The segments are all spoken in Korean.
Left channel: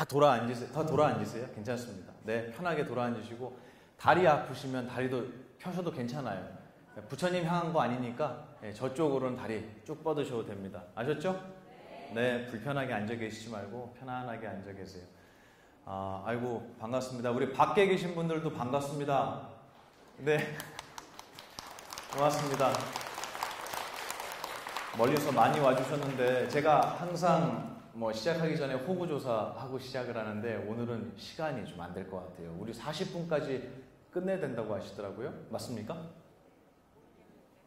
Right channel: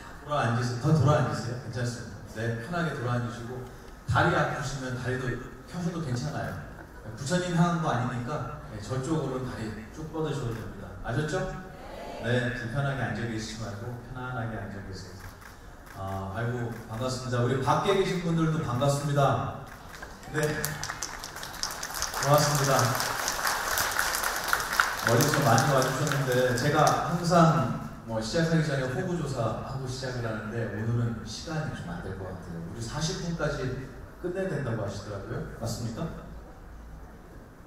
다 돌아앉으세요. 괜찮습니다. 네, 편하게 돌아앉으시고 다리 아프시면 다리도 펴셔도 괜찮아요. 부처님 향한 거 아니니까 네, 저쪽으로 다리 쭉 뻗으셔도 됩니다. 아셨죠? 네, 편하게 앉아 계시지 말고 편안하게 앉아 계세요. 아이고 반갑습니다. 우리 밖에 계신 분들도 반갑습니다. 네, 고맙습니다. 멀리서 많이 와주셨는데 제가 항상 시작하기 전에 후보조사 시작을 하는데 오늘은 시간이 좀 안 될 것 같아요. 우리 40분까지 끝내야 된다고 하시더라고요. 맞습니까?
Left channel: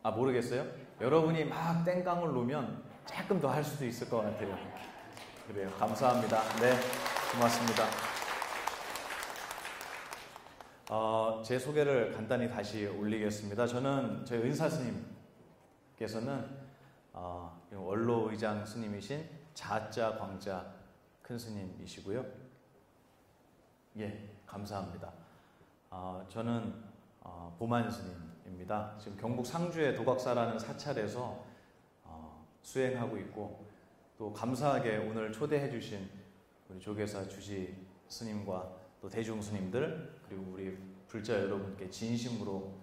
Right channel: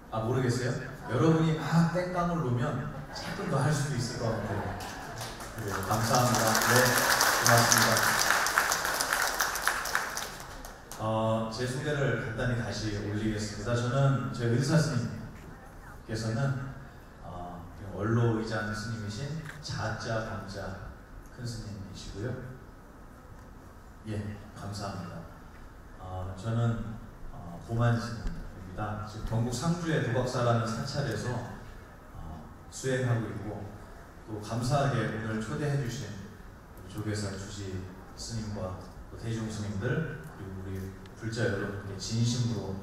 모르겠어요? 여러분이 다 땡깡을 누르면 조금 더 하실 수 있을 것 같아요. 그래, 감사합니다. 네, 고맙습니다. 제 소개를 간단히 다시 올리겠습니다. 저는 저희 의사 스님께서는 원로 의장 스님이신 자자 방자 큰 스님이시고요. 예, 감사합니다. 저는 보만 스님입니다. 지금 경북 상주의 도박사라는 사찰에서 수행하고 있고 또 감사하게 오늘 초대해 주신 조계사 주지 스님과 또 대중 스님들 그리고 우리 불자 여러분께 진심으로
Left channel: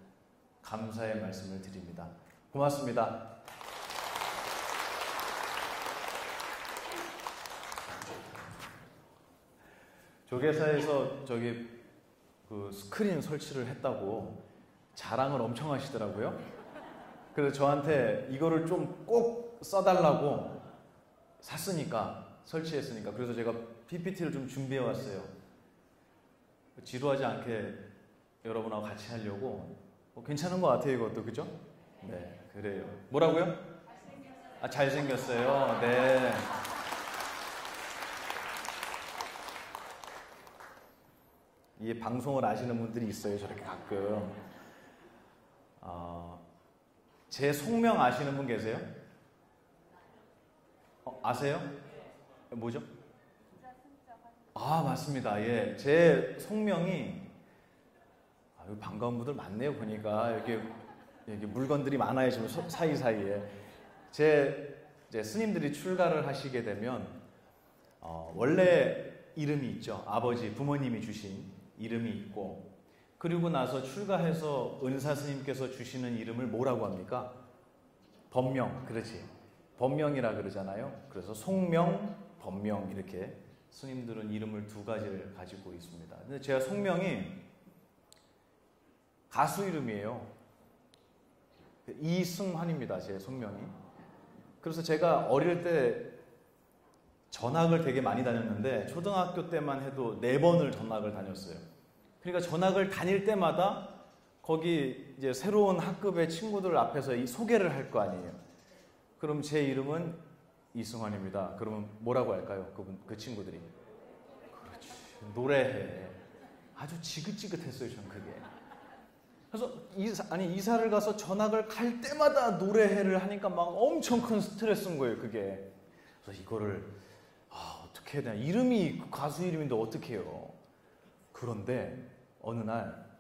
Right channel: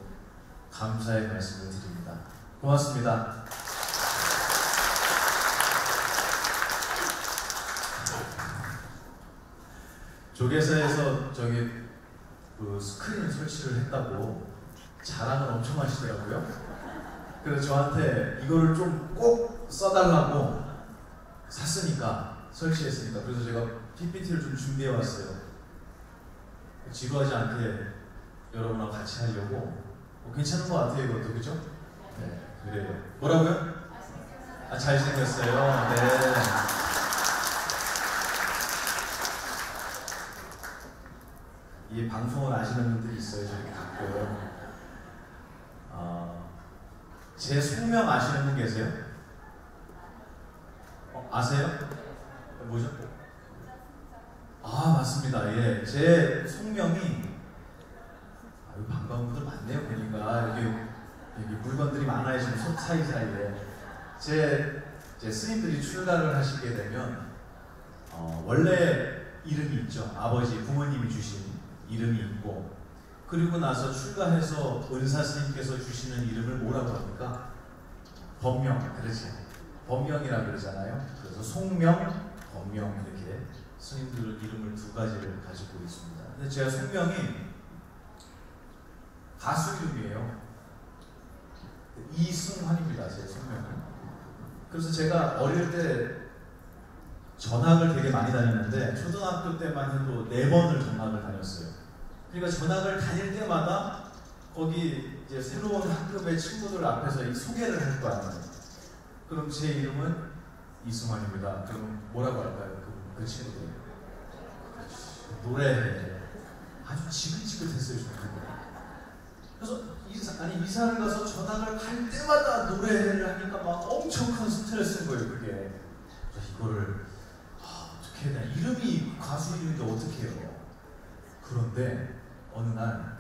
감사의 말씀을 드립니다. 고맙습니다. 조계사에서 저기 그 스크린 설치를 했다고 자랑을 엄청 하시더라고요. 그래서 저한테 이거를 좀 꼭 써달라고 샀으니까 설치했으니까 그래서 제가 PPT를 좀 준비해 왔어요. 지루하지 않게 여러분하고 같이 하려고 괜찮은 것 같아요. 그렇죠? 네, 그래요. 뭐라고요? 잘생겼어요. 네. 이 방송을 아시는 분들이 있어요. 저렇게 제 숙명 아시는 분 계세요? 아세요? 뭐죠? 맞습니다. 예, 제 숙명이 반가운 분들 많네요. 보니까 여기 물건들이 많아요. 지금 사이사이에 제 스님들이 출가를 하시게 되면 원래 이름이 있죠. 아버지 부모님이 주신 이름이 있고 그리고 나서 출가해서 은사 스님께서 주시는 이름을 뭐라고 합니까? 법명. 그러죠. 법명이라고 그러잖아요. 그래서 속명, 법명 이렇게 스님들 이름을 두 가지를 가지고 있습니다. 근데 제가 속명이 가수 이름이에요. 이승환입니다. 제 속명이. 그래서 제가 어릴 때 전학을 되게 많이 다녔는데 초등학교 때만 해도 4번을 전학을 다녔어요. 그러니까 전학을 다닐 때마다 거기 이제 새로운 학급의 친구들 앞에서 이 소개를 할 거 아니에요. 그럼 제 이름은 이승환입니다. 그럼 뭐라고 할까요? 그 친구들이 노래 아주 지긋지긋했어요. 그래서 이사를 가서 전학을 갈 때마다 노래를 하니까 막 엄청 큰 스트레스인 거예요. 그게 이거를 어떻게 해야 되나? 이름이 가수 이름인데 어떻게 해요? 그런데 어느 날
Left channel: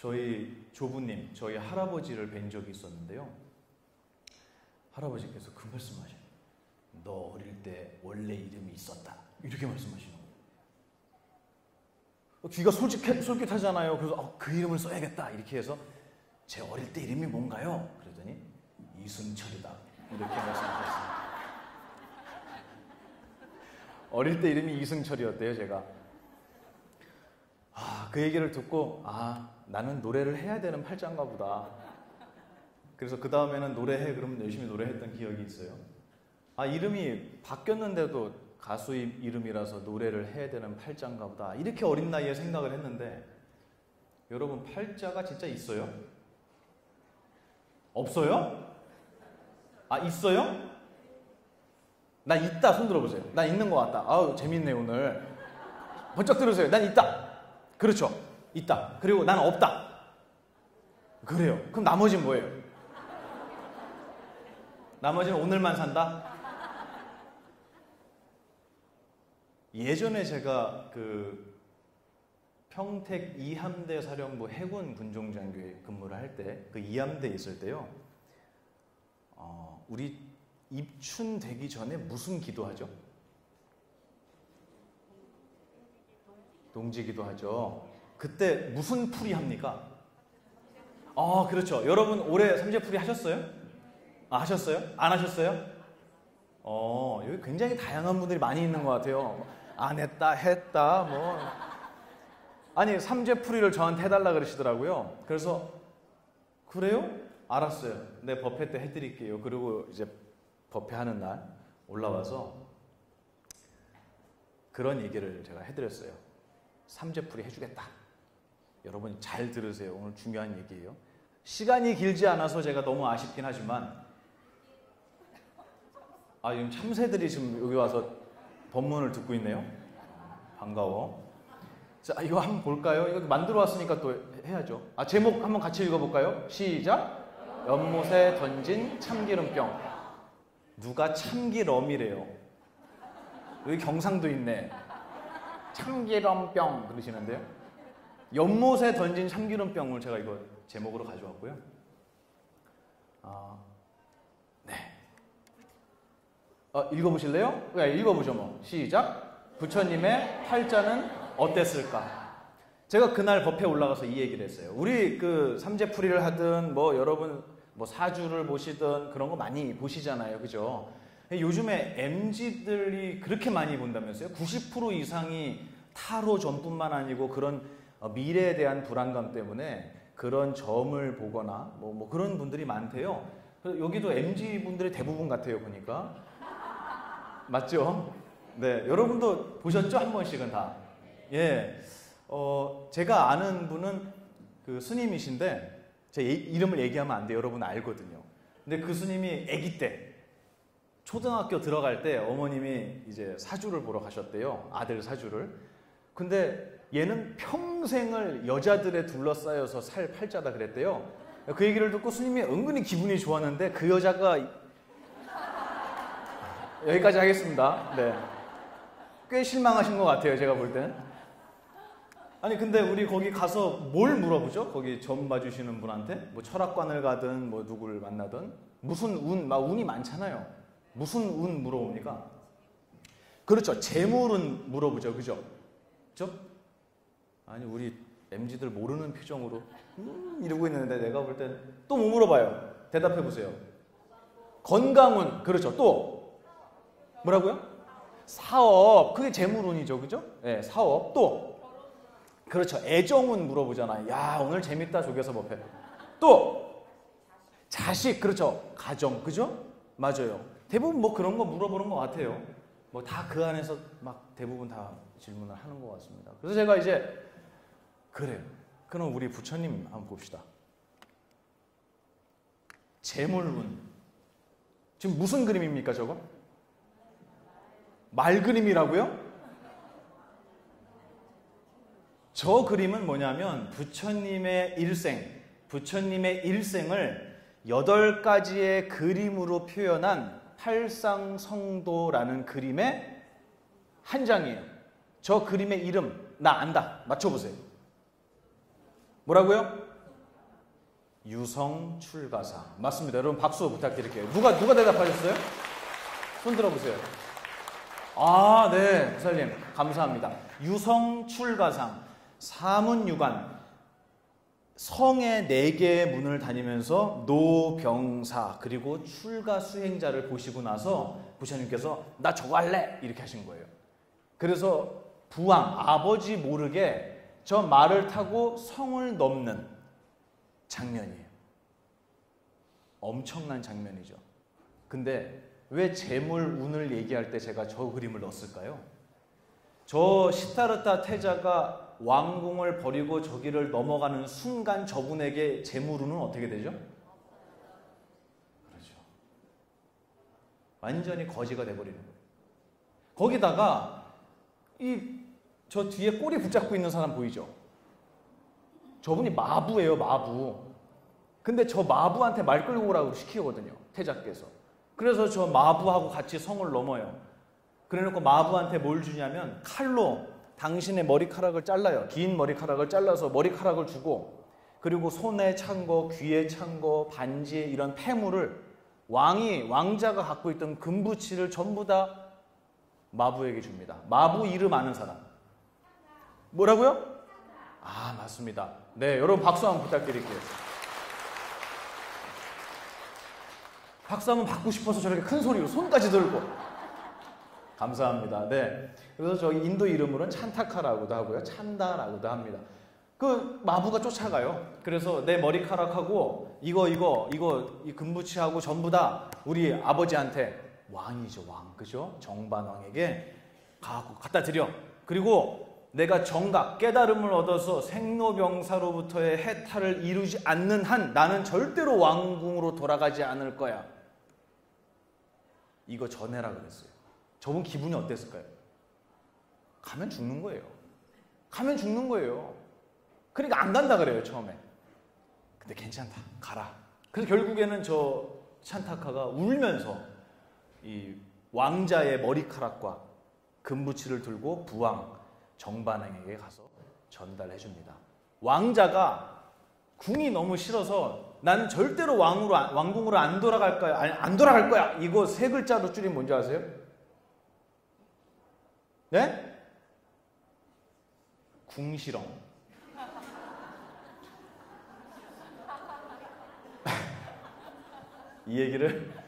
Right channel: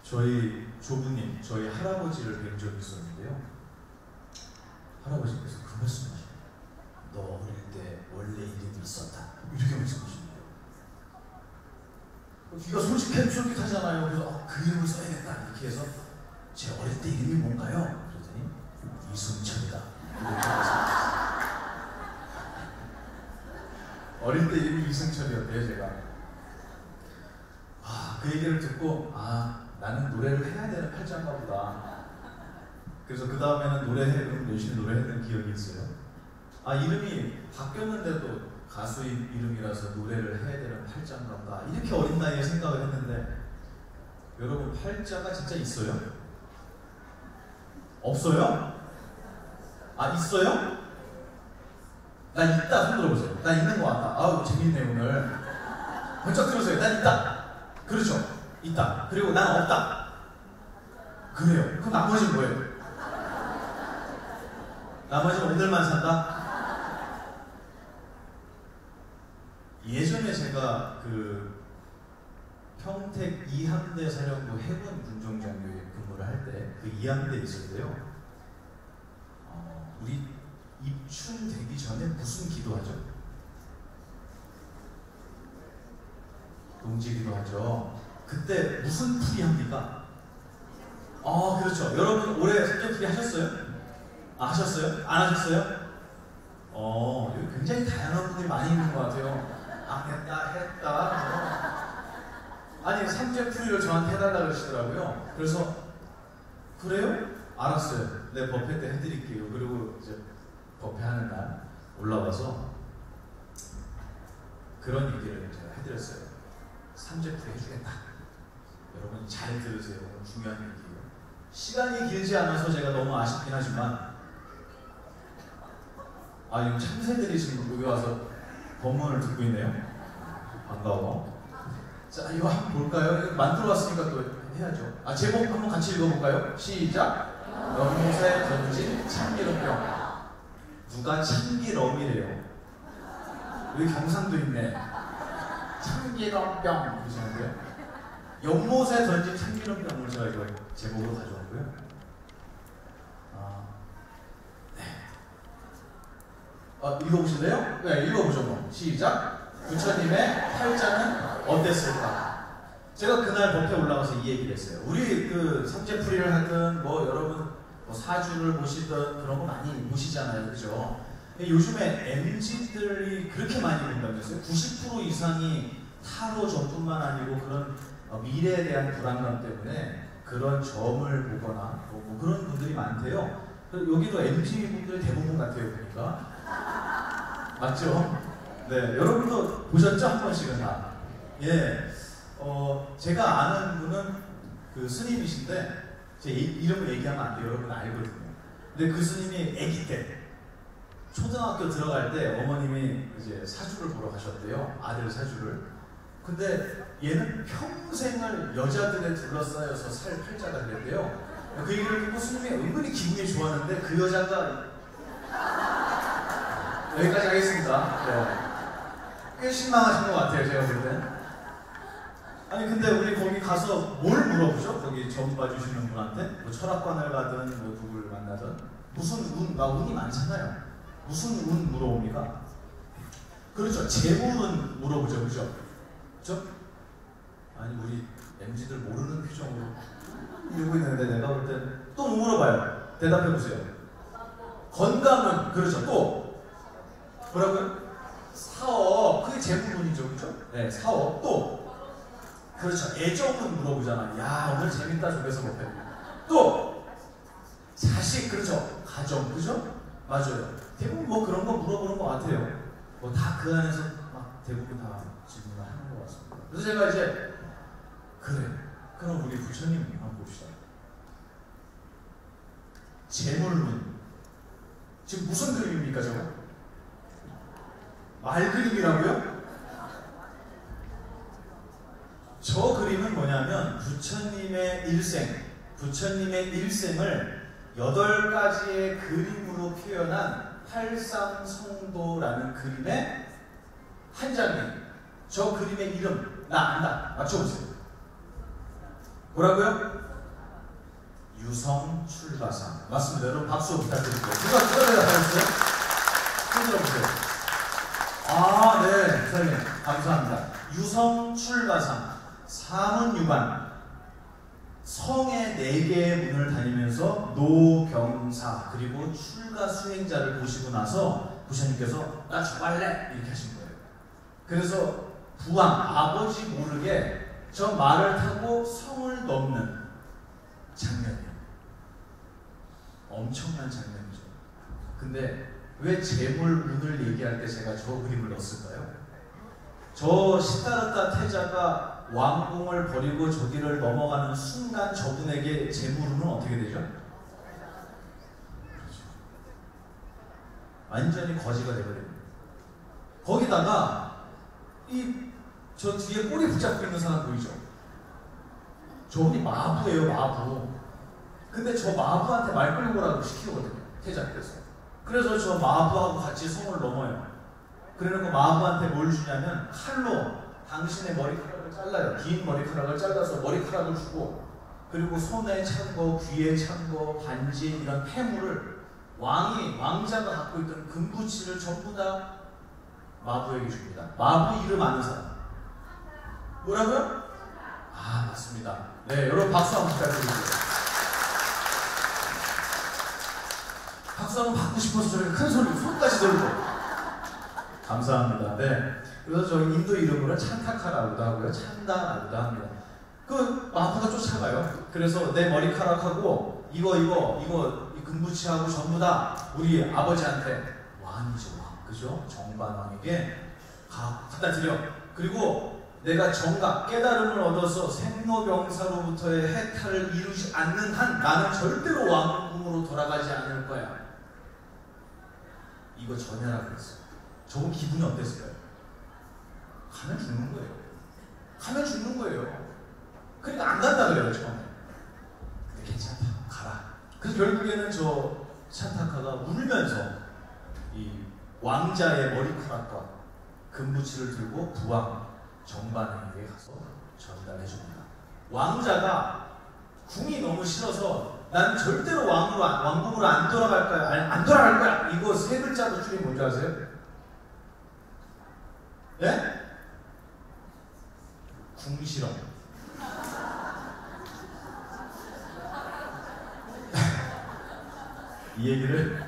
저희 조부님, 저희 할아버지를 뵌 적이 있었는데요. 할아버지께서 그러셨습니다. 너 어릴 때 원래 이름이 있었다. 이렇게 말씀하셨습니다. 귀가 솔직하잖아요. 그래서 그 이름을 써야겠다. 이렇게 해서 제 어릴 때 이름이 뭔가요? 그랬더니 이승철이다. 어릴 때 이름이 이승철이었대요. 제가. 그 얘기를 듣고 나는 노래를 해야 되는 팔자인가 보다. 그래서 그 다음에는 열심히 노래를 했던 기억이 있어요. 이름이 바뀌었는데도 가수 이름이라서 노래를 해야 되는 팔자인가 보다. 이렇게 어린 나이에 생각을 했는데 여러분 팔자가 진짜 있어요? 없어요? 있어요? 나 있다. 손 들어보세요. 나 있는 거 같아. 재밌네 오늘. 번쩍 들어보세요. 난 있다. 그렇죠. 있다. 그리고 난 없다. 그래요. 그럼 나머지는 뭐예요? 나머지는 오늘만 산다? 예전에 제가 그 평택 이함대 사령부 해군 군종장교에 근무를 할 때 그 이함대 있을 때요. 우리 입춘 되기 전에 무슨 기도하죠? 던지기도 하죠. 그때 무슨 풀이 합니까? 그렇죠. 여러분 올해 삼재풀이 하셨어요? 하셨어요? 안 하셨어요? 여기 굉장히 다양한 분들이 많이 있는 것 같아요. 안 했다, 했다. 아니, 삼재풀이를 저한테 해달라고 그러시더라고요. 그래서, 그래요? 알았어요. 네, 법회 때 해드릴게요. 그리고 이제 법회하는 날 올라와서 그런 얘기를 제가 해드렸어요. 삼재풀이 해주겠다. 여러분 잘 들으세요. 오늘 중요한 얘기예요. 시간이 길지 않아서 제가 너무 아쉽긴 하지만, 이 참새들이 지금 여기 와서 법문을 듣고 있네요. 반가워. 자, 이거 한번 볼까요? 만들어 왔으니까 그거 해야죠. 제목 한번 같이 읽어볼까요? 시작! 연못에 던진 참기름병. 누가 참기름이래요? 여기 경상도 있네. 참기름병 보시는데요. 연못에 던진 참기름병을 제가 이거 제목으로 받아줬고요. 읽어보실래요? 읽어보죠. 시작! 부처님의 팔자는 어땠을까? 제가 그날 법회에 올라가서 이 얘기를 했어요. 우리 그 삼재풀이를 하든 여러분 사주를 보시든 그런 거 많이 보시잖아요. 그죠? 요즘에 MZ들이 그렇게 많이 본다면서요? 90% 이상이 타로 전뿐만 아니고 그런 미래에 대한 불안감 때문에 그런 점을 보거나 그런 분들이 많대요. 여기도 MZ 분들이 대부분 같아요. 그러니까. 맞죠? 네, 여러분도 보셨죠? 한 번씩은 다. 예. 제가 아는 분은 그 스님이신데, 제 이름을 얘기하면 안 돼요. 여러분 알거든요. 근데 그 스님이 아기 때, 초등학교 들어갈 때 어머님이 이제 사주를 보러 가셨대요. 아들 사주를. 근데 얘는 평생을 여자들에 둘러싸여서 살 팔자가 그랬대요. 그 얘기를 듣고 스님이 은근히 기분이 좋았는데 그 여자가 여기까지 하겠습니다. 네. 꽤 실망하신 것 같아요, 제가 볼 때. 아니, 근데 우리 거기 가서 뭘 물어보죠? 거기 전문 봐주시는 분한테? 철학관을 가든, 누구를 만나든. 무슨 운, 운이 많잖아요. 무슨 운 물어봅니까? 그렇죠. 재물은 물어보죠, 그죠? 아니, 우리 MZ들 모르는 표정으로 이러고 있는데 내가 볼 때는 또 뭐 물어봐요? 대답해주세요. 건강은, 그렇죠. 또. 뭐라고요? 사업, 그게 재물운이죠, 그죠? 네, 사업. 또 그렇죠. 애정은 물어보잖아요. 야, 오늘 재밌다, 집에서 보면. 또 자식, 그렇죠. 가정, 그죠? 맞아요. 대부분 그런 거 물어보는 것 같아요. 다 그 안에서 대부분 다 질문을 하는 것 같습니다. 그래서 제가 이제 그럼 우리 부처님 한번 봅시다. 재물운 지금 무슨 그림입니까, 저거? 말 그림이라고요? 저 그림은 뭐냐면 부처님의 일생을 8가지의 그림으로 표현한 팔상성도라는 그림의 한 장이에요. 저 그림의 이름 나 안다. 맞춰보세요. 뭐라고요? 유성출가상. 맞습니다. 여러분 박수 부탁드릴게요. 누가 대답하셨어요? 손 들어보세요. 네, 선생님 감사합니다. 유성출가상, 사문유관, 성의 4개의 문을 다니면서 노병사 그리고 출가 수행자를 보시고 나서 부처님께서 나 좋아할래 이렇게 하신 거예요. 그래서 부왕 아버지 모르게 저 말을 타고 성을 넘는 장면이에요. 엄청난 장면이죠. 근데 왜 재물운을 얘기할 때 제가 저 그림을 넣었을까요? 저 시다르타 태자가 왕궁을 버리고 저기를 넘어가는 순간 저분에게 재물운은 어떻게 되죠? 완전히 거지가 되거든요. 거기다가 저 뒤에 꼬리 붙잡고 있는 사람 보이죠? 저분이 마부예요, 마부. 근데 저 마부한테 말 끌고 오라고 시키거든요, 태자께서. 그래서 저 마부하고 같이 성을 넘어요. 그래놓고 마부한테 뭘 주냐면 칼로 당신의 머리카락을 잘라요. 긴 머리카락을 잘라서 머리카락을 주고, 그리고 손에 찬 거, 귀에 찬 거, 반지에 이런 폐물을 왕자가 갖고 있던 금부치를 전부 다 마부에게 줍니다. 마부 이름 아는 사람. 뭐라고요? 아, 맞습니다. 네, 여러분 박수 한번 부탁드립니다. 박수 한번 받고 싶어서 저를 큰 소리로 손까지 들고. 감사합니다. 네. 그래서 저희 인도 이름으로 찬타카라고도 하고요. 찬다라고도 합니다. 그 마부가 쫓아가요. 그래서 내 머리카락하고 이거 이 금부치하고 전부 다 우리 아버지한테 왕이죠, 왕. 그죠? 정반왕에게 갖다 드려. 그리고 내가 정각 깨달음을 얻어서 생로병사로부터의 해탈을 이루지 않는 한 나는 절대로 왕궁으로 돌아가지 않을 거야. 이거 전해라고 했어요. 저분 기분이 어땠어요? 가면 죽는 거예요. 가면 죽는 거예요. 그러니까 안 간다 그래요, 처음에. 근데 괜찮아, 가라. 그래서 결국에는 저 찬타카가 울면서 이 왕자의 머리카락과 금부치를 들고 부왕 정반왕에게 가서 전달해 줍니다. 왕자가 궁이 너무 싫어서 나는 절대로 왕궁으로 안 돌아갈 거야. 안 돌아갈 거야. 이거 세 글자 줄이 뭔지 아세요? 네? 궁시렁. 이 얘기를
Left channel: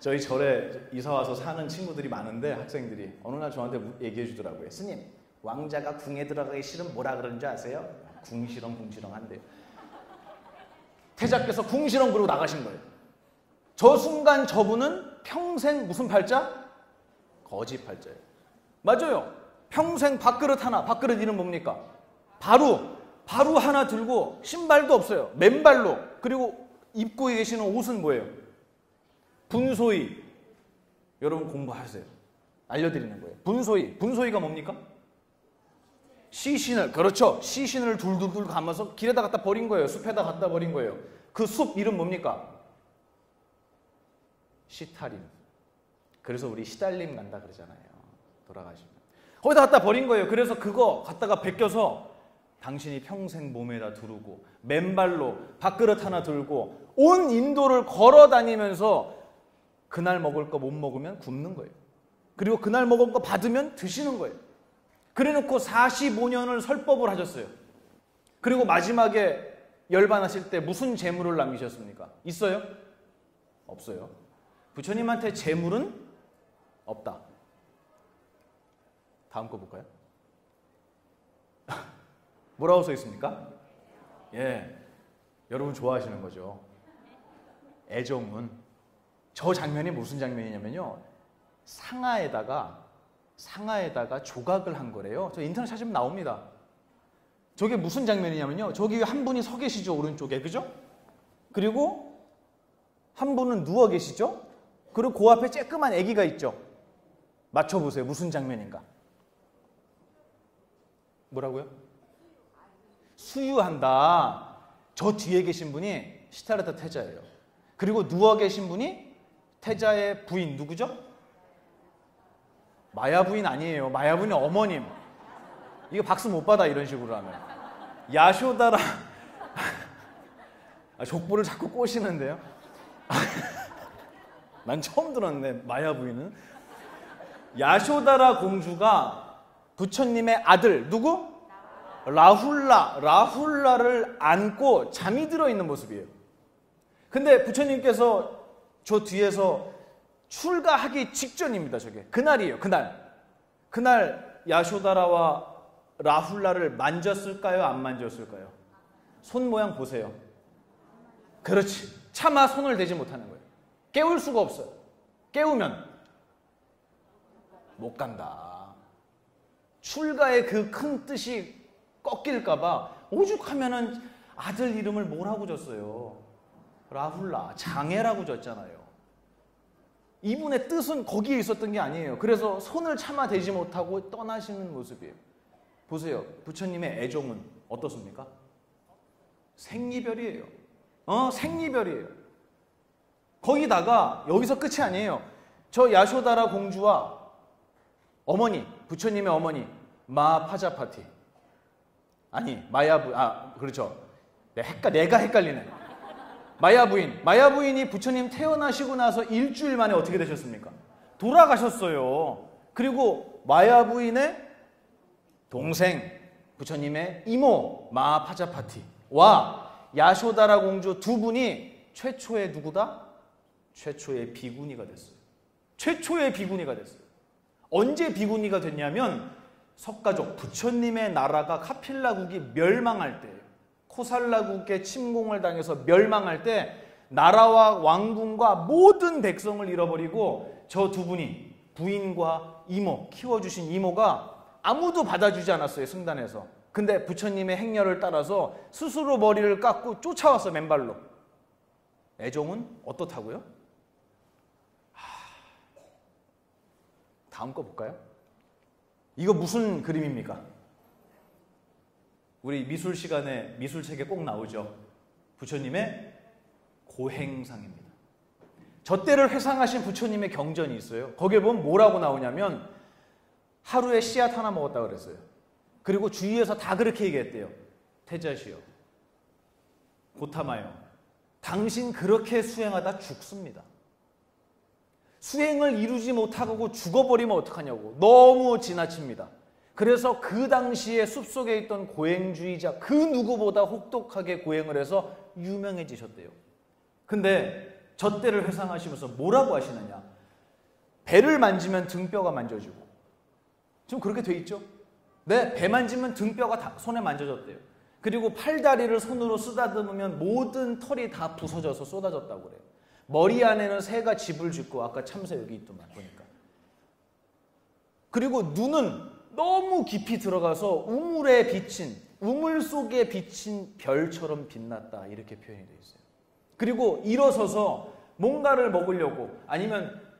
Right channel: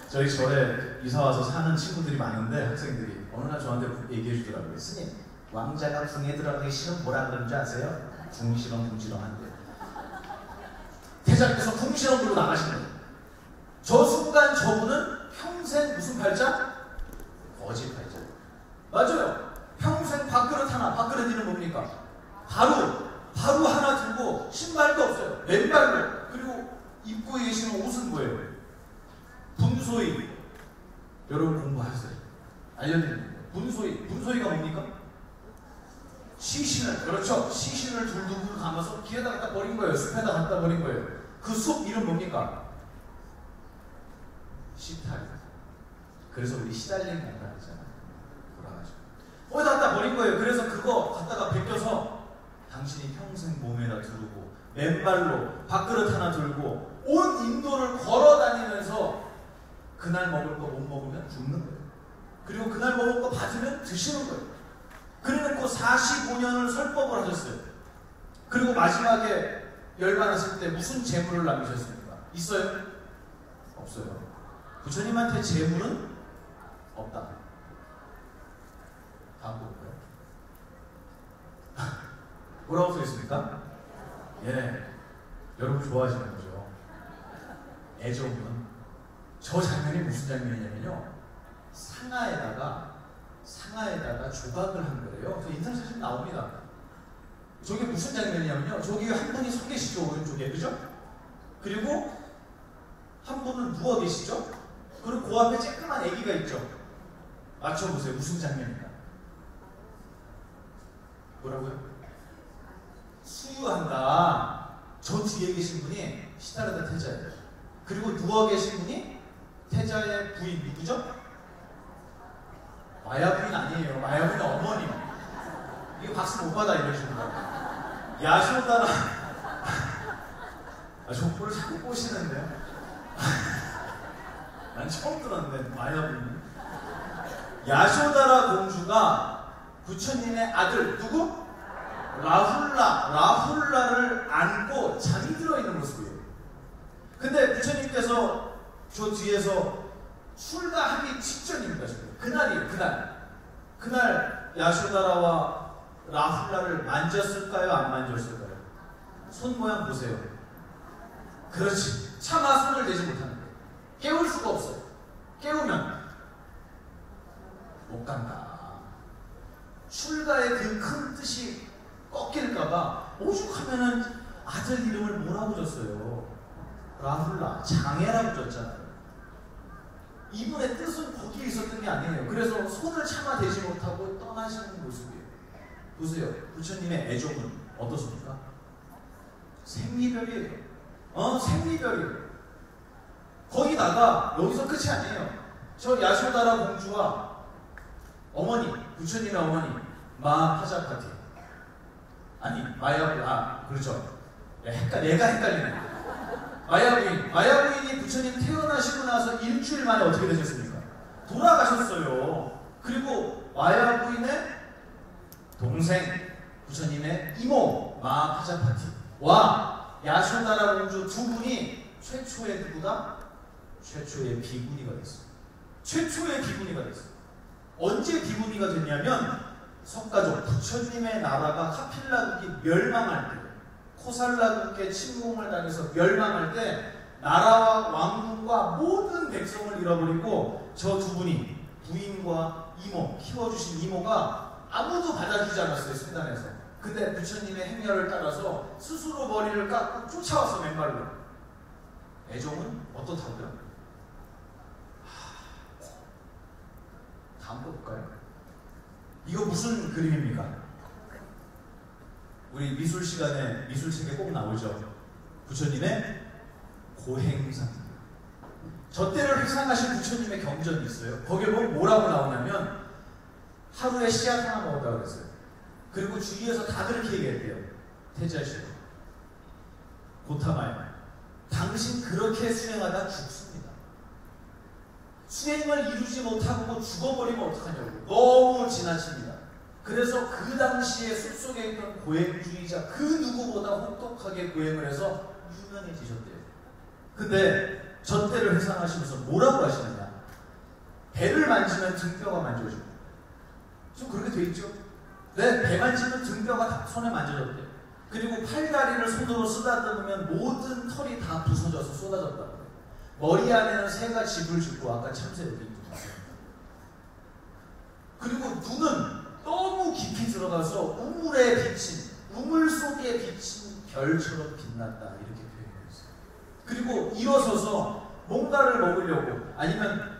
저희 절에 이사 와서 사는 친구들이 많은데 학생들이 어느 날 저한테 얘기해 주더라고요. 스님, 왕자가 궁에 들어가기 싫으면 뭐라 그러는지 아세요? 궁시렁 주시면 안 돼요. 태자께서 궁시렁 부르고 나가시는 거예요. 저 순간 저분은 평생 무슨 팔자? 거짓 팔자. 맞아요. 평생 밥그릇 하나, 밥그릇 이름 뭡니까? 바로 하나 들고 신발도 없어요. 맨발로. 그리고 입고 계시는 옷은 뭐예요? 분소이. 여러분 공부하세요. 알려드릴게요. 분소이가 뭡니까? 시신을, 그렇죠. 시신을 둘둘 감아서 길에다 갖다 버린 거예요. 숲에다 갖다 버린 거예요. 그 숲 이름 뭡니까? 시타리. 그래서 우리 시달림이 났다 그러잖아요. 돌아가죠. 거기다 갖다 버린 거예요. 그래서 그거 갖다가 베껴서 당신이 평생 몸에다 두르고 맨발로 밥그릇 하나 들고 온 인도를 걸어 다니면서 그날 먹을 거 못 먹으면 굶는 거예요. 그리고 그날 먹을 거 받으면 드시는 거예요. 그래놓고 45년을 설법을 하셨어요. 그리고 마지막에 열반하실 때 무슨 재물을 남기셨습니까? 있어요? 없어요. 부처님한테 재물은 없다. 다음 거 볼까요? 뭐라고 써 있습니까? 예, 여러분 좋아하시는 거죠. 애정은 저 장면이 무슨 장면이냐면요, 상아에다가 조각을 한 거래요. 저 인터넷 찾으면 나옵니다. 저게 무슨 장면이냐면요, 저기 한 분이 서 계시죠, 오른쪽에, 그죠? 그리고 한 분은 누워 계시죠? 그리고 그 앞에 쬐끄만 아기가 있죠. 맞춰보세요. 무슨 장면인가? 뭐라고요? 수유한다. 저 뒤에 계신 분이 시타르타 태자예요. 그리고 누워 계신 분이 태자의 부인 누구죠? 마야 부인 아니에요. 마야 부인은 어머님. 이거 박수 못 받아 이런 식으로. 야쇼다라. 족보를 자꾸 꼬시는데요. 난 처음 들었는데 마야 부인은. 야쇼다라 공주가 부처님의 아들 누구? 라훌라를 안고 잠이 들어있는 모습이에요. 근데 부처님께서 저 뒤에서 출가하기 직전입니다. 저게. 그날이에요. 그날 야쇼다라와 라훌라를 만졌을까요? 안 만졌을까요? 손 모양 보세요. 그렇지. 차마 손을 대지 못하는 거예요. 깨울 수가 없어요. 깨우면 못 간다. 출가의 그 큰 뜻이 꺾일까봐 오죽하면은 아들 이름을 뭐라고 줬어요? 라훌라, 장애라고 줬잖아요. 이분의 뜻은 거기에 있었던 게 아니에요. 그래서 손을 참아 대지 못하고 떠나시는 모습이에요. 보세요. 부처님의 애정은 어떻습니까? 생이별이에요. 생이별이에요. 거기다가 여기서 끝이 아니에요. 저 야쇼다라 공주와 어머니, 부처님의 어머니 마하자파티, 아니 그렇죠. 내가 헷갈리네. 마야 부인이 부처님 태어나시고 나서 일주일 만에 어떻게 되셨습니까? 돌아가셨어요. 그리고 마야 부인의 동생 부처님의 이모 마하파자파티와 야쇼다라 공주 두 분이 최초의 누구다? 최초의 비구니가 됐어. 최초의 비구니가 됐어. 언제 비구니가 됐냐면 석가적 부처님의 나라가 카필라국이 멸망할 때, 코살라국의 침공을 당해서 멸망할 때 나라와 왕궁과 모든 백성을 잃어버리고 저 두 분이 부인과 이모, 키워주신 이모가 아무도 받아주지 않았어요, 승단에서. 근데 부처님의 행렬을 따라서 스스로 머리를 깎고 쫓아와서 맨발로. 애정은 어떻다고요? 다음 거 볼까요? 이거 무슨 그림입니까? 우리 미술 시간에 미술책에 꼭 나오죠. 부처님의 고행상. 저 때를 회상하신 부처님의 경전이 있어요. 거기에 보면 뭐라고 나오냐면 하루에 씨앗 하나 먹었다고 그랬어요. 그리고 주위에서 다 그렇게 얘기해요. 태자씨, 고타마야, 당신 그렇게 수행하다 죽습니다. 수행을 이루지 못하고 죽어버리면 어떡하냐고. 너무 지나칩니다. 그래서 그 당시에 숲속에 있던 고행주의자 그 누구보다 혹독하게 고행을 해서 유명해지셨대요. 근데 저 때를 회상하시면서 뭐라고 하시냐. 배를 만지면 등뼈가 만져져요. 좀 그렇게 돼 있죠? 네, 배 만지면 등뼈가 손에 만져졌대요. 그리고 팔다리를 손으로 쓰다듬으면 모든 털이 다 부서져서 쏟아졌다고. 머리 안에는 새가 집을 짓고 아까 참새 여기 있습니다. 그리고 눈은 너무 깊이 들어가서 우물에 비친, 우물 속에 비친 별처럼 빛난다 이렇게 표현했어요. 그리고 일어서서 뭔가를 먹으려고 아니면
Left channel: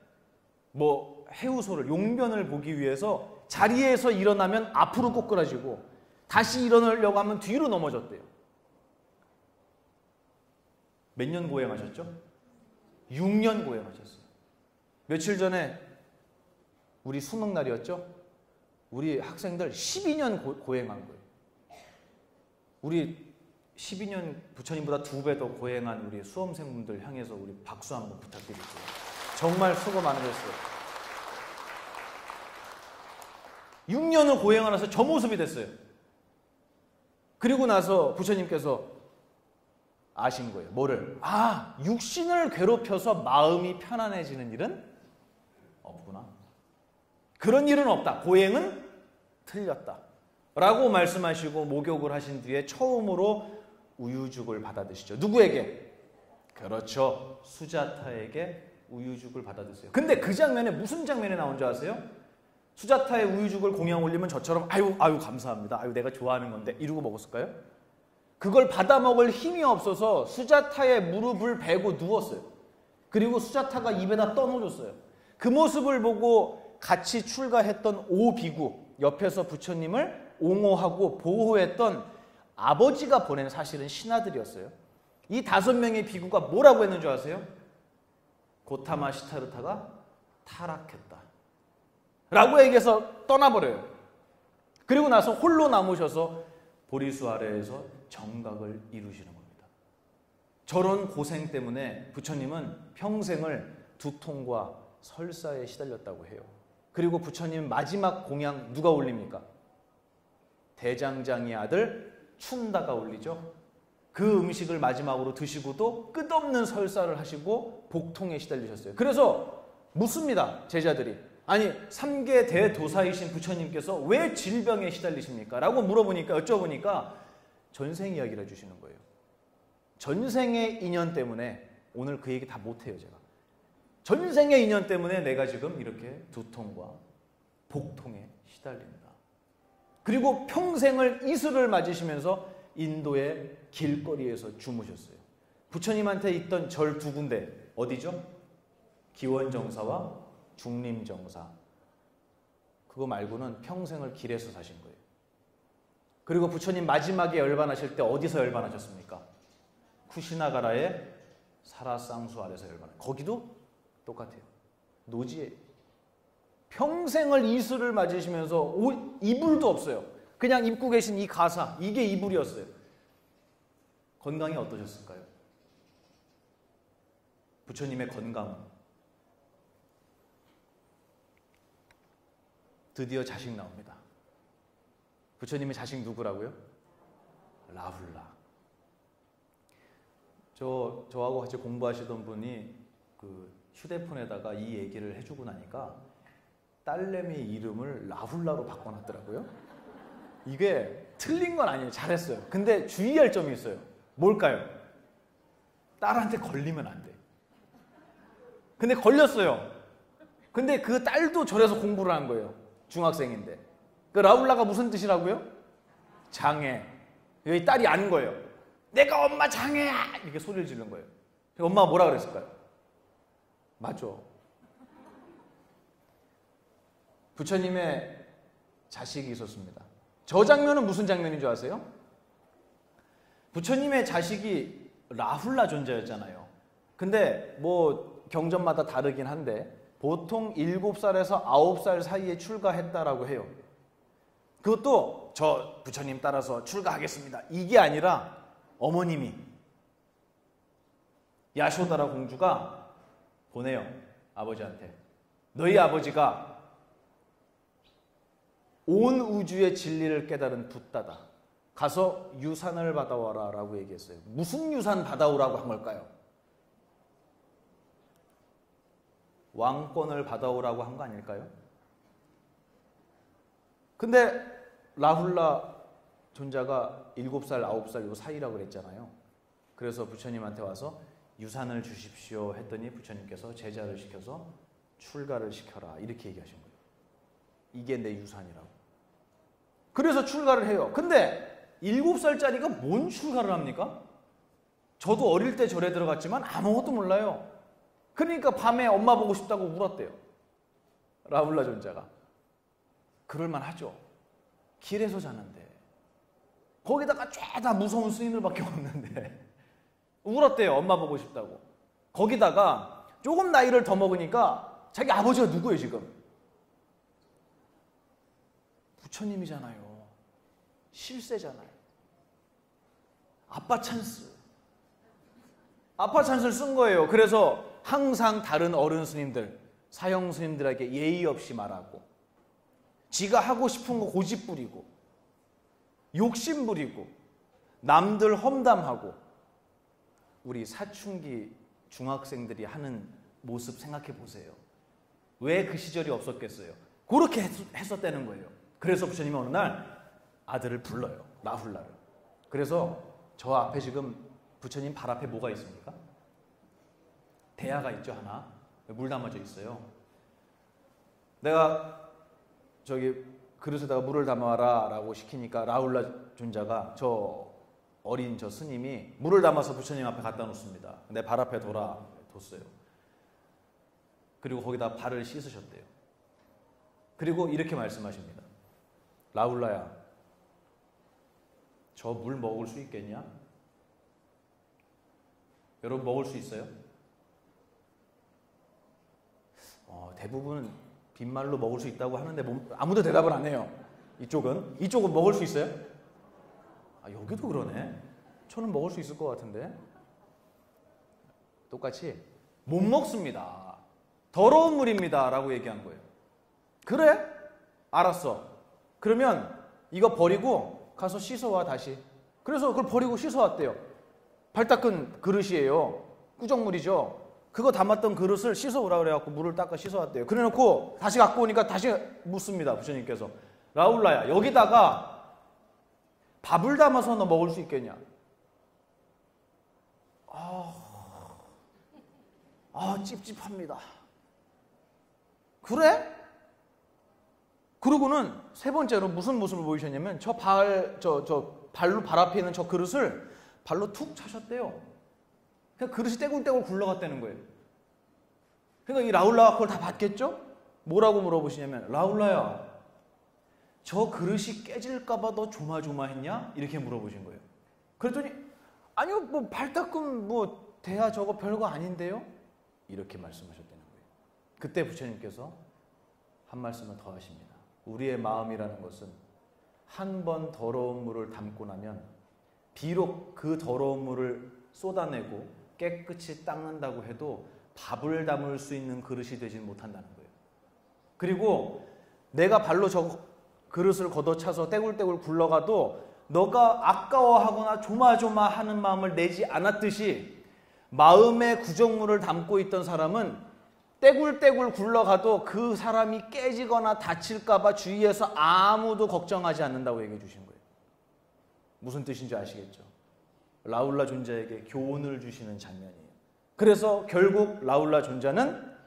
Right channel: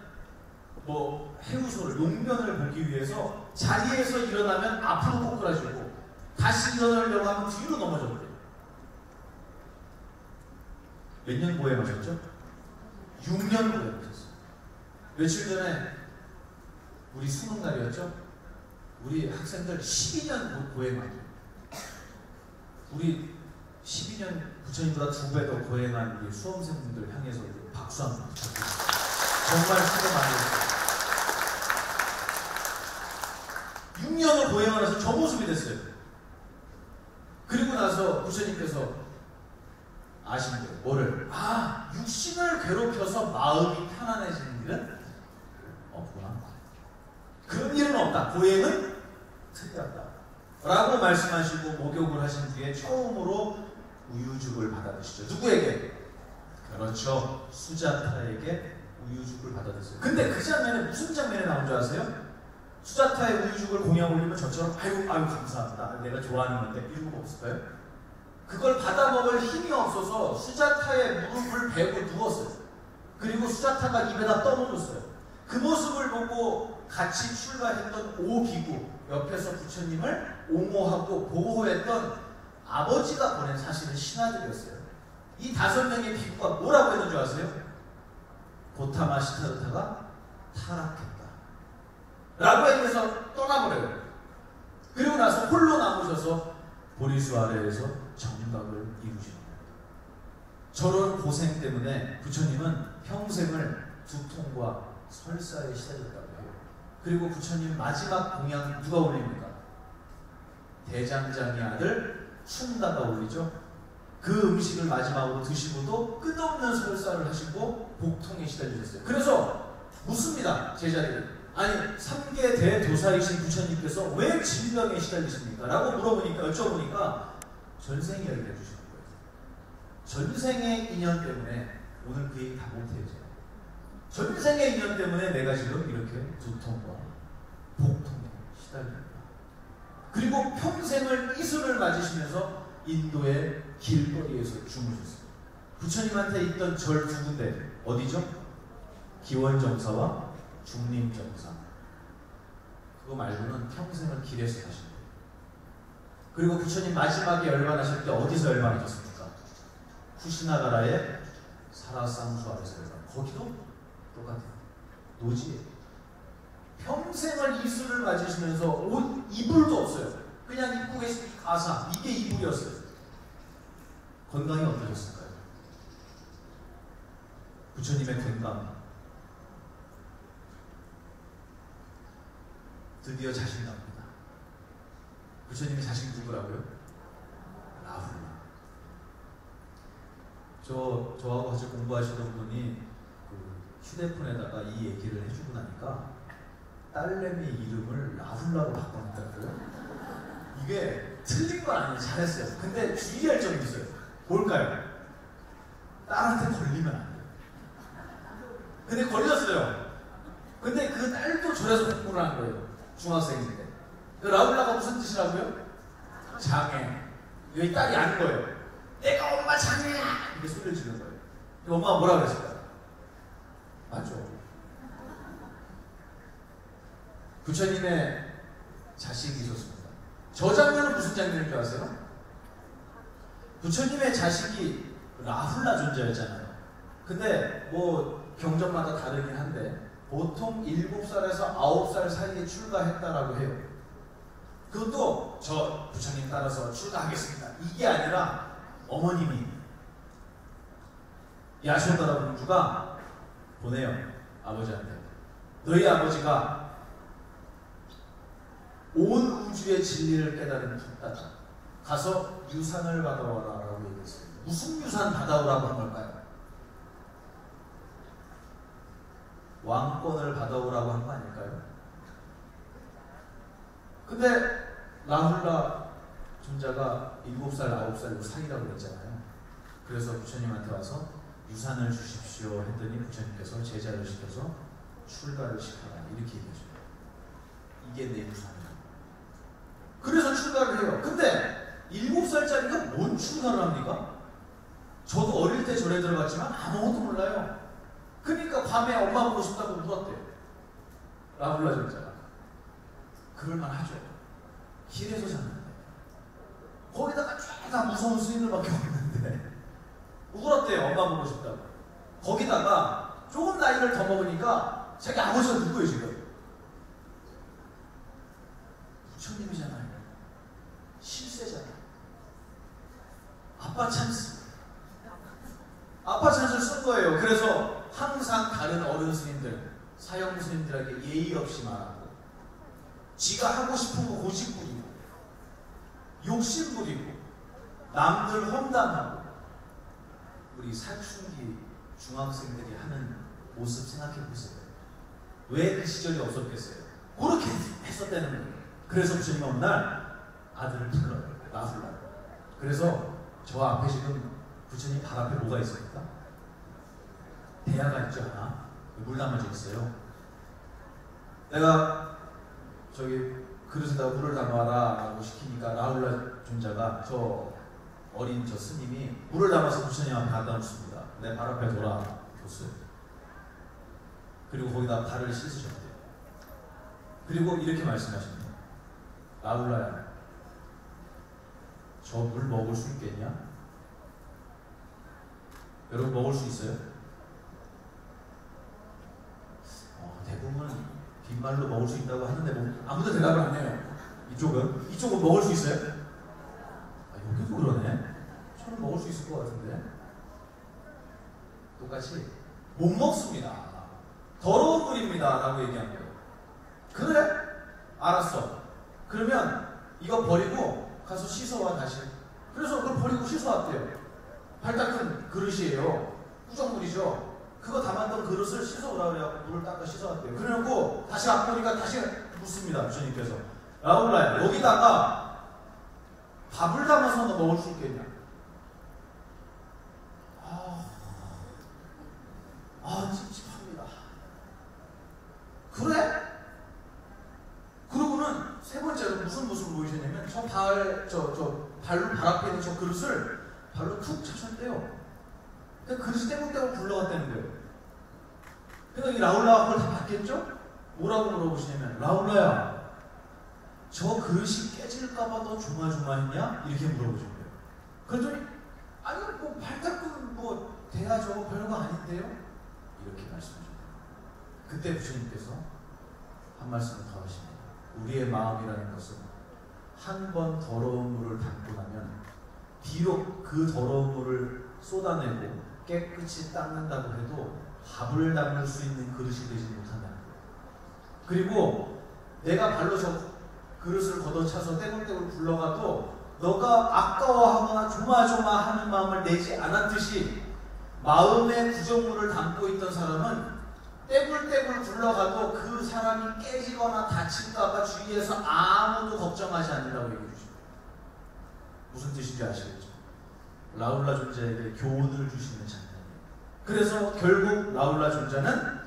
뭐 해우소를 용변을 보기 위해서 자리에서 일어나면 앞으로 꼬꾸라지고 다시 일어나려고 하면 뒤로 넘어져요. 몇 년 고행하셨죠? 6년 고행하셨어요. 며칠 전에 우리 수능 날이었죠? 우리 학생들 12년 고행합니다. 우리 12년 부처님보다 2배 더 고행하는 우리 수험생분들 향해서 우리 박수 한번 부탁드립니다. 정말 수고 많으셨어요. 6년을 고행하면서 저 모습이 됐어요. 그리고 나서 부처님께서 아신 거예요. 뭐를? 육신을 괴롭혀서 마음이 편안해지는 일은 없구나. 그런 일은 없다. 고행은 틀렸다. 라고 말씀하시고 목욕을 하신 뒤에 처음으로 우유죽을 받아주시죠. 누구에게? 그렇죠. 수자타에게 우유죽을 받아줬어요. 근데 그 장면에 무슨 장면이 나온 줄 아세요? 수자타의 우유죽을 공양 올리면 저처럼 아유 감사합니다. 아유 내가 좋아하는데 이러고 먹었을까요? 그걸 받아 먹을 힘이 없어서 수자타의 무릎을 베고 누웠어요. 그리고 수자타가 입에다 떠놓았어요. 그 모습을 보고 같이 출가했던 오비구, 옆에서 부처님을 옹호하고 보호했던 아버지가 보낸 사실은 신하들이었어요. 이 5명의 비구가 뭐라고 했는 줄 아세요? 고타마 시차르타가 타락했다 라고 얘기해서 떠나버려요. 그리고 나서 홀로 남으셔서 보리수 아래에서 정각을 이루시죠. 저런 고생 때문에 부처님은 평생을 두통과 설사에 시달렸다고 해요. 그리고 부처님 마지막 공양 누가 올립니까? 대장장의 아들 충다가 올리죠. 그 음식을 마지막으로 드시고도 끝없는 설사를 하시고 복통에 시달려주세요. 그래서 묻습니다. 제자들이. 아니 3계 대도사이신 부처님께서 왜 질병에 시달리십니까? 라고 물어보니까 여쭤보니까 전생 이야기를 해주시는 거예요. 전생의 인연 때문에 오늘 그 얘기 다 못해요. 전생의 인연 때문에 내가 지금 이렇게 두통과 복통에 시달립니다. 그리고 평생을 이슬을 맞으시면서 인도의 길거리에서 주무셨어요. 부처님한테 있던 절 2군데 어디죠? 기원정사와 중림정사. 그거 말고는 평생을 길에서 사셨어요. 그리고 부처님 마지막에 열반하실 때 어디서 열반하셨습니까? 쿠시나가라의 사라상수 앞에서 거기도 똑같아요. 노지. 평생을 이슬을 맞으시면서 이불도 없어요. 그냥 입고 계신 이 가사, 이게 이불이었어요. 건강이 어떠셨을까요? 부처님의 건강. 드디어 자신이 나옵니다. 부처님의 자식 누구라고요? 라훌라. 저하고 같이 공부하시던 분이 그 휴대폰에다가 이 얘기를 해주고 나니까 딸내미 이름을 라훌라로 바꿔놨더라고요. 이게 틀린 건 아니에요. 잘했어요. 근데 주의할 점이 있어요. 뭘까요? 딸한테 걸리면 안 돼요. 근데 걸렸어요. 근데 그 딸도 저래서 공부를 하는 거예요. 중학생인데. 그 라훌라가 무슨 뜻이라고요? 장애. 여기 딸이 아닌 거예요. 내가 엄마 장애야! 이렇게 소리를 지는 거예요. 엄마가 뭐라고 그랬어요? 맞아. 부처님의 자식이 있었습니다. 저 장면은 무슨 장면인 줄 아세요? 부처님의 자식이 라훌라 존재였잖아요. 근데 뭐 경전마다 다르긴 한데 보통 7살에서 9살 사이에 출가했다라고 해요. 그것도 저 부처님 따라서 출가하겠습니다. 이게 아니라 어머님이 야쇼다라 공주가 보내요. 아버지한테. 너희 아버지가 온 우주의 진리를 깨달은 붓다다. 가서 유산을 받아오라 라고 얘기했어요. 무슨 유산을 받아오라고 한 걸까요? 왕권을 받아오라고 한 거 아닐까요? 근데 라훌라 존자가 7살, 9살 사이라고 했잖아요. 그래서 부처님한테 와서 유산을 주십시오 했더니 부처님께서 제자를 주셔서 출가를 시켜라 이렇게 얘기하셨어요. 이게 내 유산이다. 그래서 출가를 해요. 근데 7살짜리가 뭔 출가를 합니까? 저도 어릴 때 절에 들어갔지만 아무것도 몰라요. 그러니까 밤에 엄마 보고 싶다고 울었대요. 라훌라 존자가. 그럴만 하죠. 길에서 사는데 거기다가 쫙다 무서운 스님들밖에 없는데 울었대요. 엄마 보고 싶다고. 거기다가 조금 나이를 더 먹으니까 자기 아버지가 누구예요 지금? 부처님이잖아요. 실세잖아요. 아빠 찬스. 아빠 찬스를 쓴 거예요. 그래서 항상 다른 어른 스님들, 사형 스님들에게 예의 없이 말하고 지가 하고 싶은 거 고집 부리고 욕심 부리고 남들 험담하고 우리 사춘기 중학생들이 하는 모습 생각해 보세요. 왜 그 시절이 없었겠어요? 그렇게 했었다는 거예요. 그래서 부처님 어느 날 아들을 불러요. 라훌라. 그래서 저 앞에 지금 부처님 발 앞에 뭐가 있습니까? 대야가 있죠. 물 담아주세요. 내가 저기 그릇에다가 물을 담아와라 라고 시키니까 라훌라 존자가 저 어린 저 스님이 물을 담아서 부처님 앞에 갖다 놨습니다. 내 발 앞에 돌아보세요. 그리고 거기다 발을 씻으셨어요. 그리고 이렇게 말씀하십니다. 라훌라야, 저 물 먹을 수 있겠냐? 여러분 먹을 수 있어요? 대부분 빈말로 먹을 수 있다고 하는데 아무도 대답 안 해요. 이쪽은 먹을 수 있어요? 여기도 그러네. 저는 먹을 수 있을 것 같은데. 똑같이 못 먹습니다. 더러운 물입니다 라고 얘기하는 거예요. 그래? 알았어. 그러면 이거 버리고 가서 씻어와 다시. 그래서 그걸 버리고 씻어왔대요. 발 닦은 그릇이에요. 꾸정물이죠. 그거 담았던 그릇을 씻어오라 그래갖고 물을 닦아 씻어왔대요. 그래놓고 다시 갖고 오니까 다시 묻습니다. 부처님께서. 라훌라야, 여기다가 밥을 담아서 너 먹을 수 있겠냐? 찝찝합니다. 그래? 그러고는 세 번째로 무슨 모습을 보이셨냐면 발 앞에 있는 저 그릇을 발로 툭 차셨대요. 그냥 그릇이 떼굴떼굴 굴러갔다는 거예요. 그러니까 이 라훌라가 그걸 다 봤겠죠? 뭐라고 물어보시냐면, 라훌라야, 저 그릇이 깨질까봐 너 조마조마했냐? 이렇게 물어보죠. 그랬더니 아니요, 뭐 발 닦으면 뭐 대야 저거 별거 아닌데요? 이렇게 말씀하셨죠. 그때 부처님께서 한 말씀 더 하시죠. 우리의 마음이라는 것은 한 번 더러운 물을 담고 나면 비록 그 더러운 물을 쏟아내고 깨끗이 닦는다고 해도 밥을 담을 수 있는 그릇이 되지 못한다는 거예요. 그리고 내가 발로 저 그릇을 걷어차서 떼굴떼굴 굴러가도 너가 아까워하거나 조마조마하는 마음을 내지 않았듯이 마음의 구정물을 담고 있던 사람은 떼굴떼굴 굴러가도 그 사람이 깨지거나 다칠까봐 주위에서 아무도 걱정하지 않는다고 얘기해 주십니다. 무슨 뜻인지 아시겠죠? 라울라 존자에게 교훈을 주시는 장면. 그래서 결국 라울라 존자는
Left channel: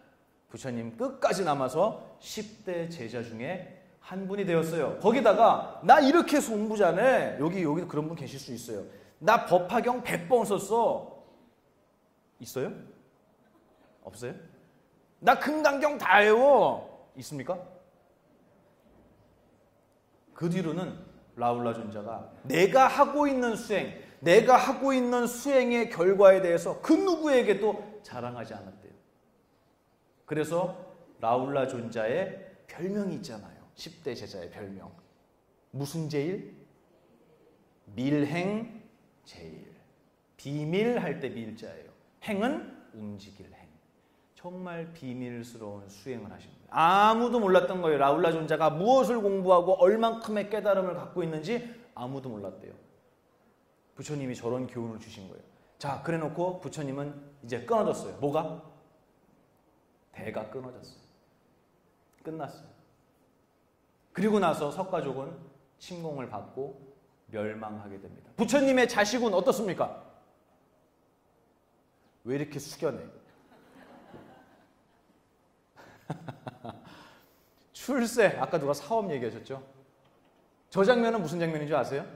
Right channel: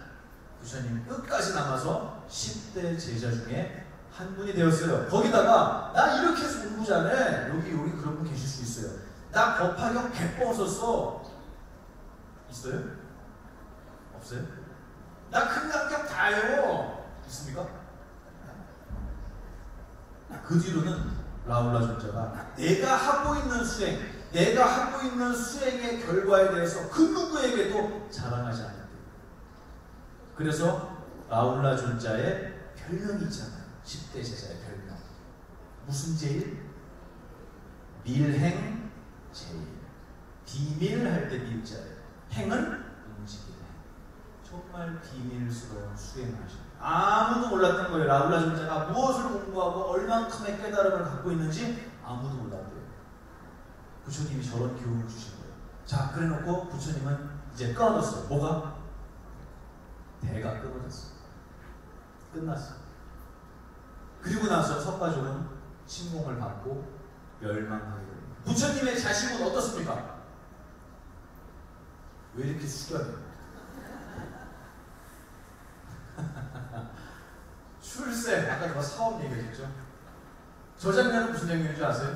부처님 끝까지 남아서 10대 제자 중에 한 분이 되었어요. 거기다가 나 이렇게 해서 공부 잘해. 여기 그런 분 계실 수 있어요. 나 법화경 100번 썼어. 있어요? 없어요? 나 금강경 다 외워. 있습니까? 그 뒤로는 라울라 존자가 내가 하고 있는 수행의 결과에 대해서 그 누구에게도 자랑하지 않아요. 그래서 라울라 존자의 별명이 있잖아요. 10대 제자의 별명. 무슨 제일? 밀행 제일. 비밀할 때 비밀자예요. 행은 음지실 행. 정말 비밀스러운 수행을 하셨어요. 아무도 몰랐던 거예요. 라울라 존자가 무엇을 공부하고 얼만큼의 깨달음을 갖고 있는지 아무도 몰랐대요. 부처님이 저런 교훈을 주신 거예요. 자, 그래 놓고 부처님은 이제 끊어졌어요. 뭐가? 배가 깨어났어. 끝났어. 그리고 나서 석가종은 침공을 받고 멸망하게 됩니다. 부처님의 자식은 어떻습니까? 왜 이렇게 숙연해요? 출세. 아까 누가 사업 얘기했었죠? 저 장면은 무슨 장면인 줄 아세요?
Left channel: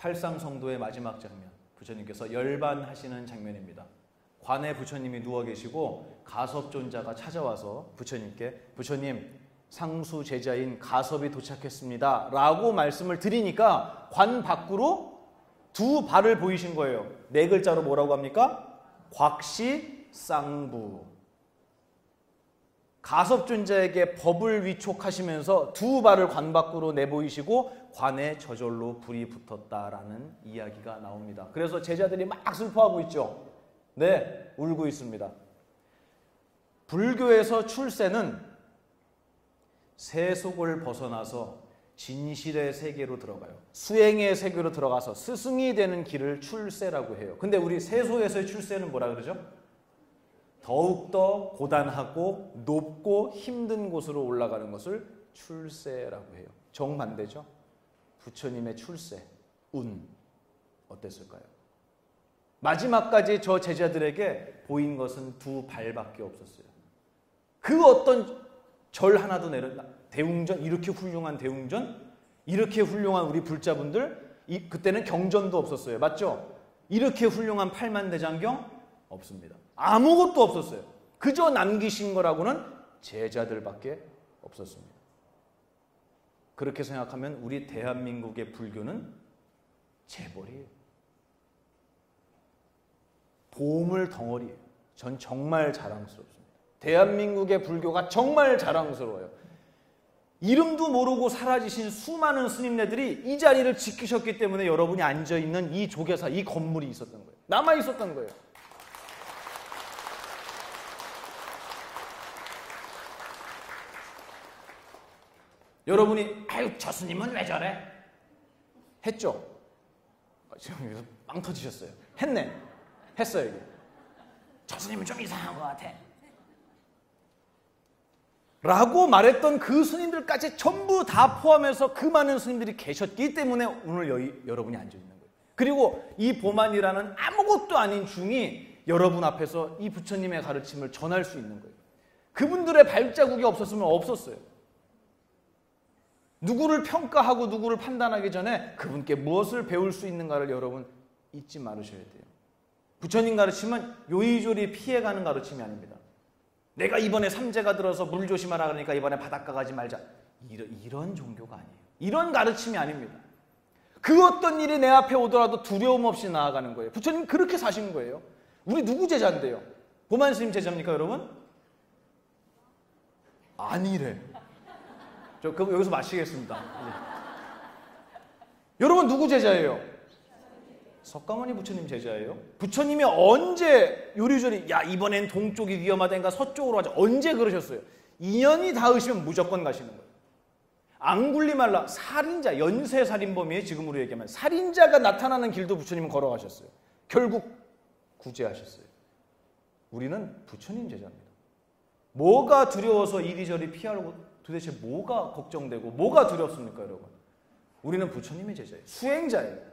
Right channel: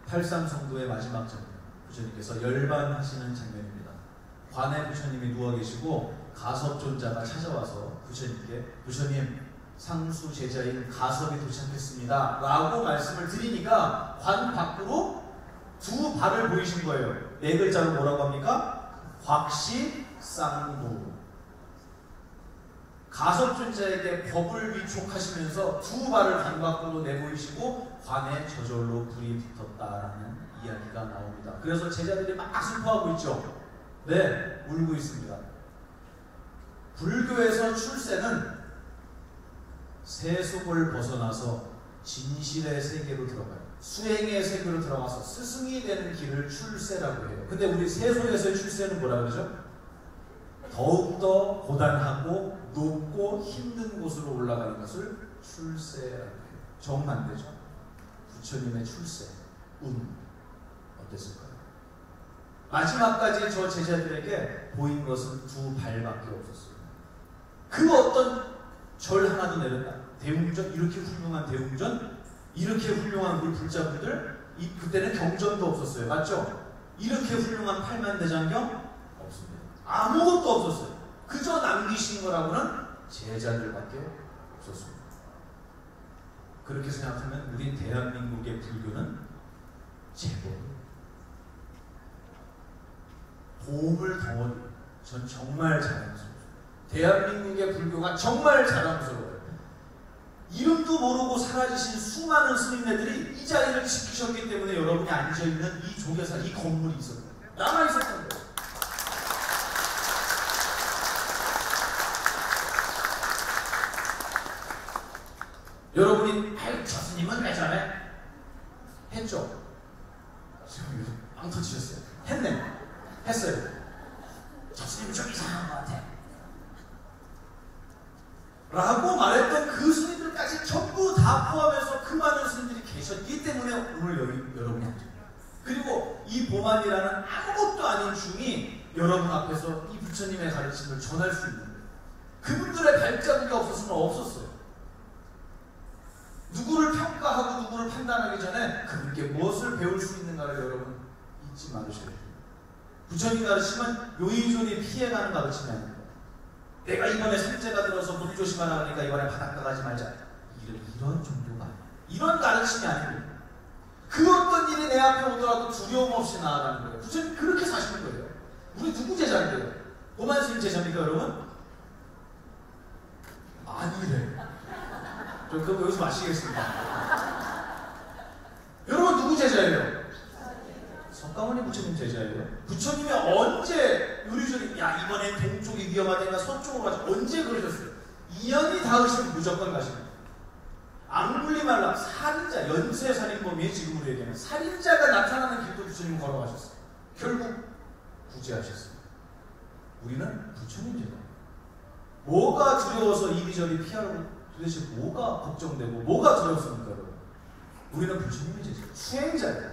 팔상성도의 마지막 장면. 부처님께서 열반하시는 장면입니다. 관에 부처님이 누워 계시고 가섭존자가 찾아와서 부처님께 부처님 상수 제자인 가섭이 도착했습니다 라고 말씀을 드리니까 관 밖으로 두 발을 보이신 거예요. 네 글자로 뭐라고 합니까? 곽시쌍부. 가섭존자에게 법을 위촉하시면서 두 발을 관 밖으로 내보이시고 관에 저절로 불이 붙었다라는 이야기가 나옵니다. 그래서 제자들이 막 슬퍼하고 있죠. 네, 울고 있습니다. 불교에서 출세는 세속을 벗어나서 진실의 세계로 들어가요. 수행의 세계로 들어가서 스승이 되는 길을 출세라고 해요. 근데 우리 세속에서의 출세는 뭐라고 하죠? 더욱더 고단하고 높고 힘든 곳으로 올라가는 것을 출세라고 해요. 정반대죠. 부처님의 출세, 운 어땠을까요? 마지막까지 저 제자들에게 보인 것은 두 발밖에 없었어요. 그 어떤 절 하나도 내려요. 대웅전, 이렇게 훌륭한 대웅전, 이렇게 훌륭한 우리 불자분들, 그때는 경전도 없었어요. 맞죠? 이렇게 훌륭한 팔만대장경 없습니다. 아무것도 없었어요. 그저 남기신 거라고는 제자들밖에 없었어요. 그렇게 생각하면 우리 대한민국의 불교는 최고예요. 보물 덩어리. 전 정말 자랑스러워요. 대한민국의 불교가 정말 자랑스러워요. 이름도 모르고 사라지신 수많은 스님네들이 이 자리를 지키셨기 때문에 여러분이 앉아있는 이 조계사, 이 건물이 있었어요. 남아있었던 거예요. 여러분이 저 스님은 왜 저래? 했죠? 빵 터지셨어요. 했어요. 저 스님은 좀 이상한 것 같아 라고 말했던 그 스님들까지 전부 다 포함해서 그 많은 스님들이 계셨기 때문에 오늘 여러분이 앉으셨어요. 그리고 이 보만이라는 아무것도 아닌 힘이 여러분 앞에서 이 부처님의 가르침을 전할 수 있는, 그분들의 발자국이 없었으면 없었어요. 누구를 평가하고 누구를 판단하기 전에 그분께 무엇을 배울 수 있는가를 여러분 잊지 말으셔야 돼요. 부처님 가르침은 요리조리 피해가는 가르침이 아닙니다. 내가 이번에 선제가 들어서 물 조심하라 그러니까 이번에 바닷가 가지 말자. 이런 종교가, 이런 가르침이 아닙니다. 그 어떤 일이 내 앞에 오더라도 두려움 없이 나아가는 거예요. 부처님 그렇게 사시는 거예요. 우리 누구 제자예요? 고만 스님 제자입니까 여러분? 아니래. 저 그거 여기서 마시겠습니다. 여러분 누구 제자예요? 석가모니 부처님 제자예요. 부처님이 언제 요리조리 야 이번엔 동쪽이 위험하다니까 서쪽으로 가자 언제 그러셨어요? 인연이 닿으시면 무조건 가십니다. 앙굴리말라 살인자 연쇄살인범이에요. 지금으로 얘기하면 살인자가 나타나는 길도 부처님은 걸어가셨어요. 결국 구제하셨어요. 우리는 부처님 제자. 뭐가 두려워서 이리저리 피하고 도대체 뭐가 걱정되고 뭐가 두려웠을까요? 우리는 부처님이 제자예요. 수행자예요.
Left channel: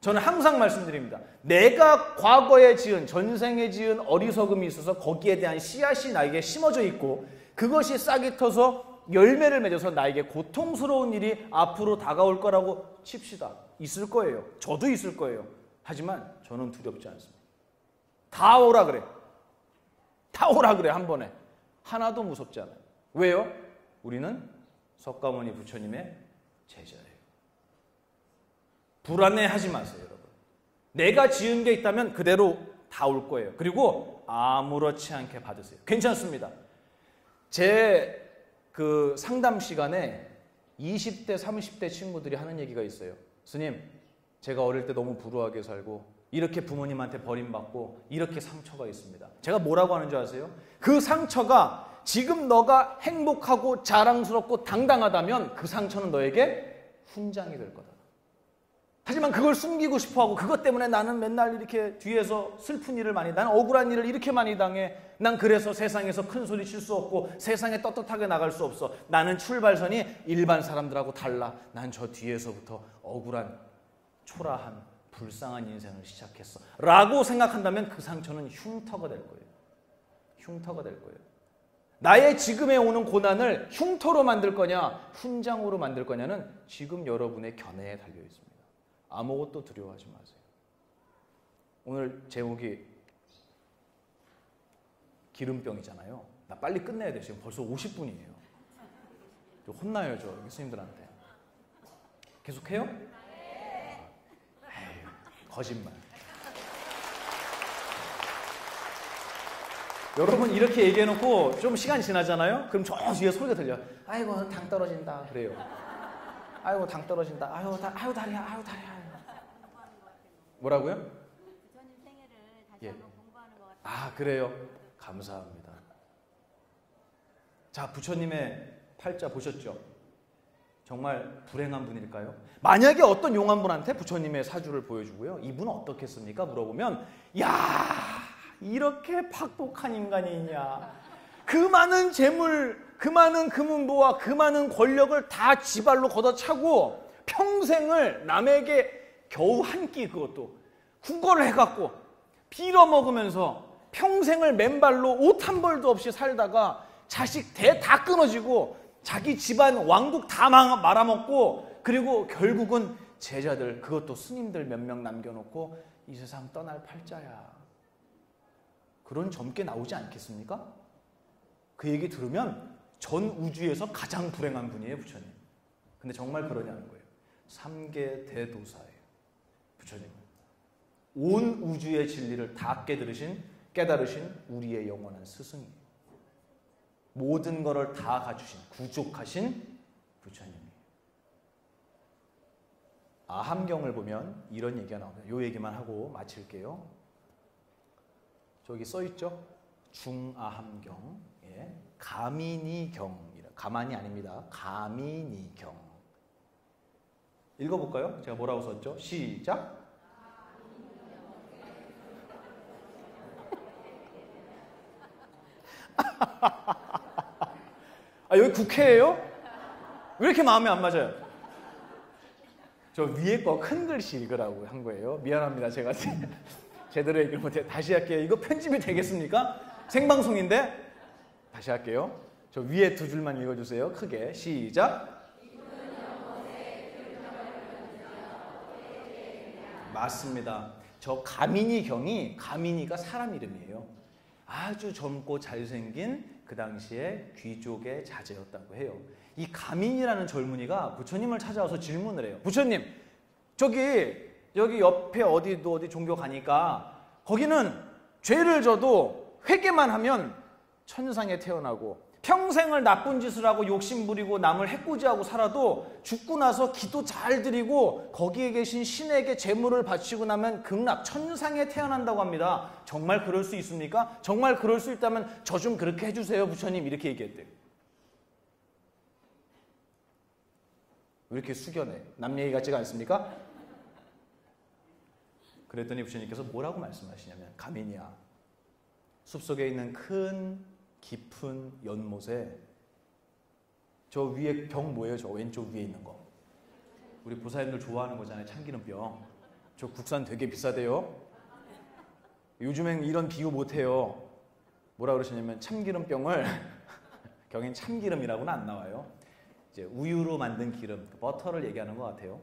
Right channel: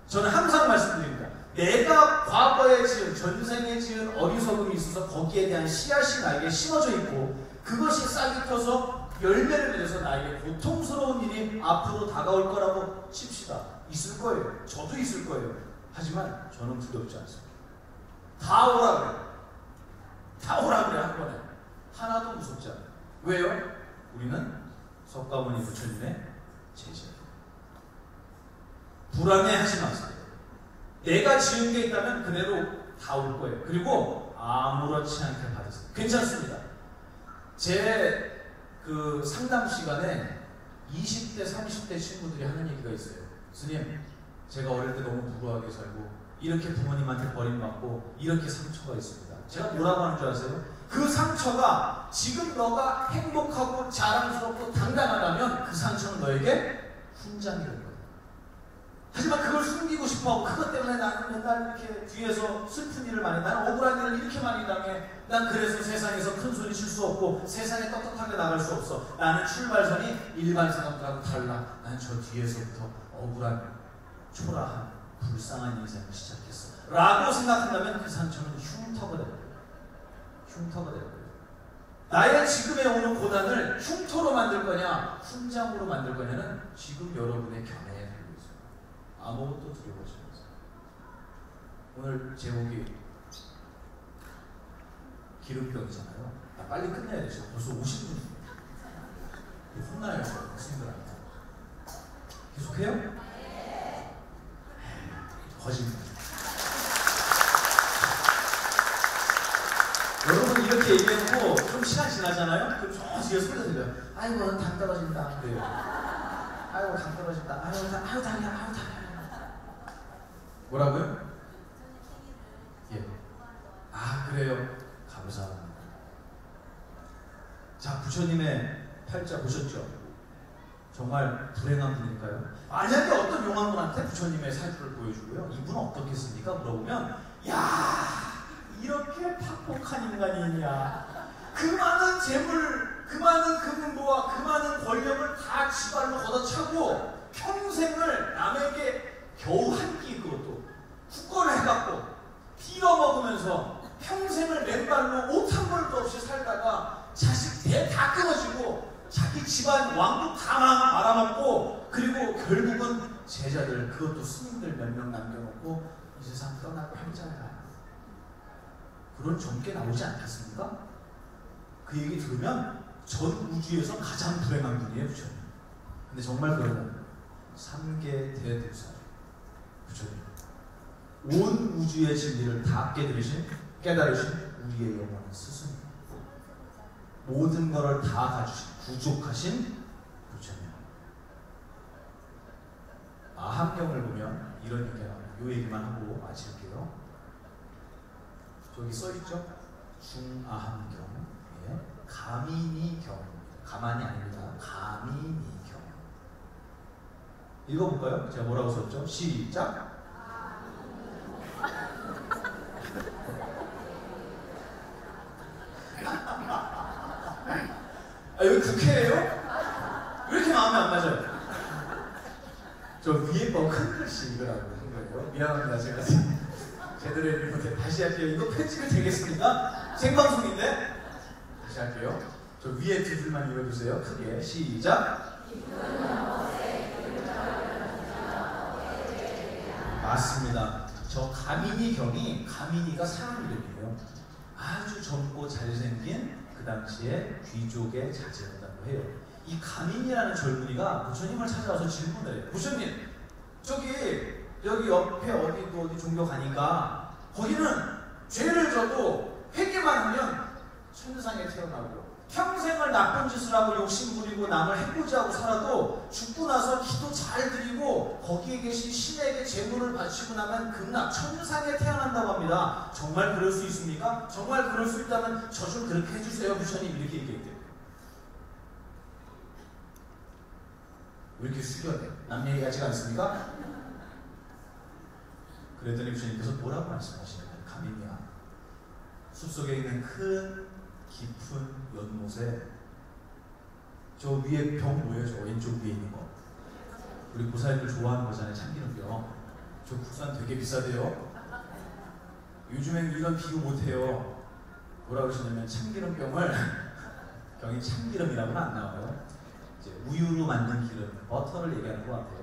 저는 항상 말씀드립니다. 내가 과거에 지은 전생에 지은 어리석음이 있어서 거기에 대한 씨앗이 나에게 심어져 있고 그것이 싹이 터서 열매를 맺어서 나에게 고통스러운 일이 앞으로 다가올 거라고 칩시다. 있을 거예요. 저도 있을 거예요. 하지만 저는 두렵지 않습니다. 다 오라 그래. 다 오라 그래 한 번에. 하나도 무섭지 않아요. 왜요? 우리는 석가모니 부처님의 제자예요. 불안해하지 마세요. 내가 지은 게 있다면 그대로 다 올 거예요. 그리고 아무렇지 않게 받으세요. 괜찮습니다. 제 그 상담 시간에 20대, 30대 친구들이 하는 얘기가 있어요. 스님, 제가 어릴 때 너무 불우하게 살고 이렇게 부모님한테 버림받고 이렇게 상처가 있습니다. 제가 뭐라고 하는 줄 아세요? 그 상처가 지금 너가 행복하고 자랑스럽고 당당하다면 그 상처는 너에게 훈장이 될 거예요. 하지만 그걸 숨기고 싶어하고 그것 때문에 나는 맨날 이렇게 뒤에서 슬픈 일을 많이 나는 억울한 일을 이렇게 많이 당해. 난 그래서 세상에서 큰 소리 칠 수 없고 세상에 떳떳하게 나갈 수 없어. 나는 출발선이 일반 사람들하고 달라. 난 저 뒤에서부터 억울한 초라한 불쌍한 인생을 시작했어 라고 생각한다면 그 상처는 흉터가 되는 거예요. 흉터가 되는 거예요. 나의 지금에 오는 고난을 흉터로 만들 거냐 훈장으로 만들 거냐는 지금 여러분의 견해에 아무것도 두려워하지 마세요. 오늘 제목이 기름병이잖아요. 빨리 끝내야 돼. 지금 벌써 50분이에요. 혼나요. 선생님들한테. 계속해요? 거짓말. 여러분 이렇게 얘기해놓고 좀 시간이 지나잖아요? 그럼 저 뒤에 소리가 들려요. 아이고 당 떨어진다. 그래요. 아이고 당 떨어진다. 아이고 당. 뭐라고요? 예. 아 그래요. 감사합니다. 자 부처님의 팔자 보셨죠? 정말 불행한 분일까요? 만약에 어떤 용한 분한테 부처님의 사주를 보여주고요. 이분은 어떻게 했습니까? 물어보면 야 이렇게 팍팍한 인간이 있냐. 그 많은 재물, 그 많은 금은보화, 그 많은 권력을 다 지발로 걷어차고 평생을 남에게 겨우 한 끼 그것도 국거를 해갖고 빌어먹으면서 평생을 맨발로 옷 한 벌도 없이 살다가 자식 대 다 끊어지고 자기 집안 왕국 다 말아먹고 그리고 결국은 제자들 그것도 스님들 몇 명 남겨놓고 이 세상 떠날 팔자야. 그런 적게 나오지 않겠습니까? 그 얘기 들으면 전 우주에서 가장 불행한 분이에요. 근데 정말 불행한 3계 대두사 온 우주의 진리를 다 깨달으신 우리의 영원한 스승, 모든 것을 다 부족하신 부처님. 아함경을 보면 이런 얘기가 나와요. 이 얘기만 하고 마칠게요. 저기 써있죠? 중아함경. 예. 가민이경. 가만이 아니라 가민이경. 읽어볼까요? 제가 뭐라고 썼죠? 시작. 아, 여기 국회예요? 왜 이렇게 마음이 안 맞아요? 저 위에 거 큰 글씨 읽으라고 한 거예요. 미안합니다. 제가 제대로 읽지 못해서 다시 할게요. 이거 편집이 되겠습니까? 생방송인데 다시 할게요. 저 위에 두 줄만 읽어주세요. 크게 시작. 맞습니다. 저 가민이가 사람 이름이에요. 아주 젊고 잘생긴 그 당시에 귀족의 자제였다고 해요. 이 가민이라는 젊은이가 부처님을 찾아와서 질문을 해요. 부처님, 여기 옆에 어디 종교 가니까 거기는 죄를 져도 회개만 하면 천상에 태어나고 평생을 나쁜 짓을 하고 욕심부리고 남을 해코지하고 살아도 죽고 나서 기도 잘 드리고 거기에 계신 신에게 제물을 바치고 나면 극락 천상에 태어난다고 합니다. 정말 그럴 수 있습니까? 정말 그럴 수 있다면 저 좀 그렇게 해주세요 부처님, 이렇게 얘기했대요. 왜 이렇게 숙여요? 남 얘기 같지가 않습니까? 그랬더니 부처님께서 뭐라고 말씀하시나요? 가민이야, 숲속에 있는 큰 깊은 연못에 저 위에 병 뭐예요? 저 왼쪽 위에 있는 거, 우리 부사애들 좋아하는 거잖아요. 참기름병. 저 국산 되게 비싸대요. 요즘에는 이런 비교 못해요. 뭐라 그러시냐면 참기름병을 경에 참기름이라고는 안 나와요. 이제 우유로 만든 기름, 버터를 얘기하는 것 같아요.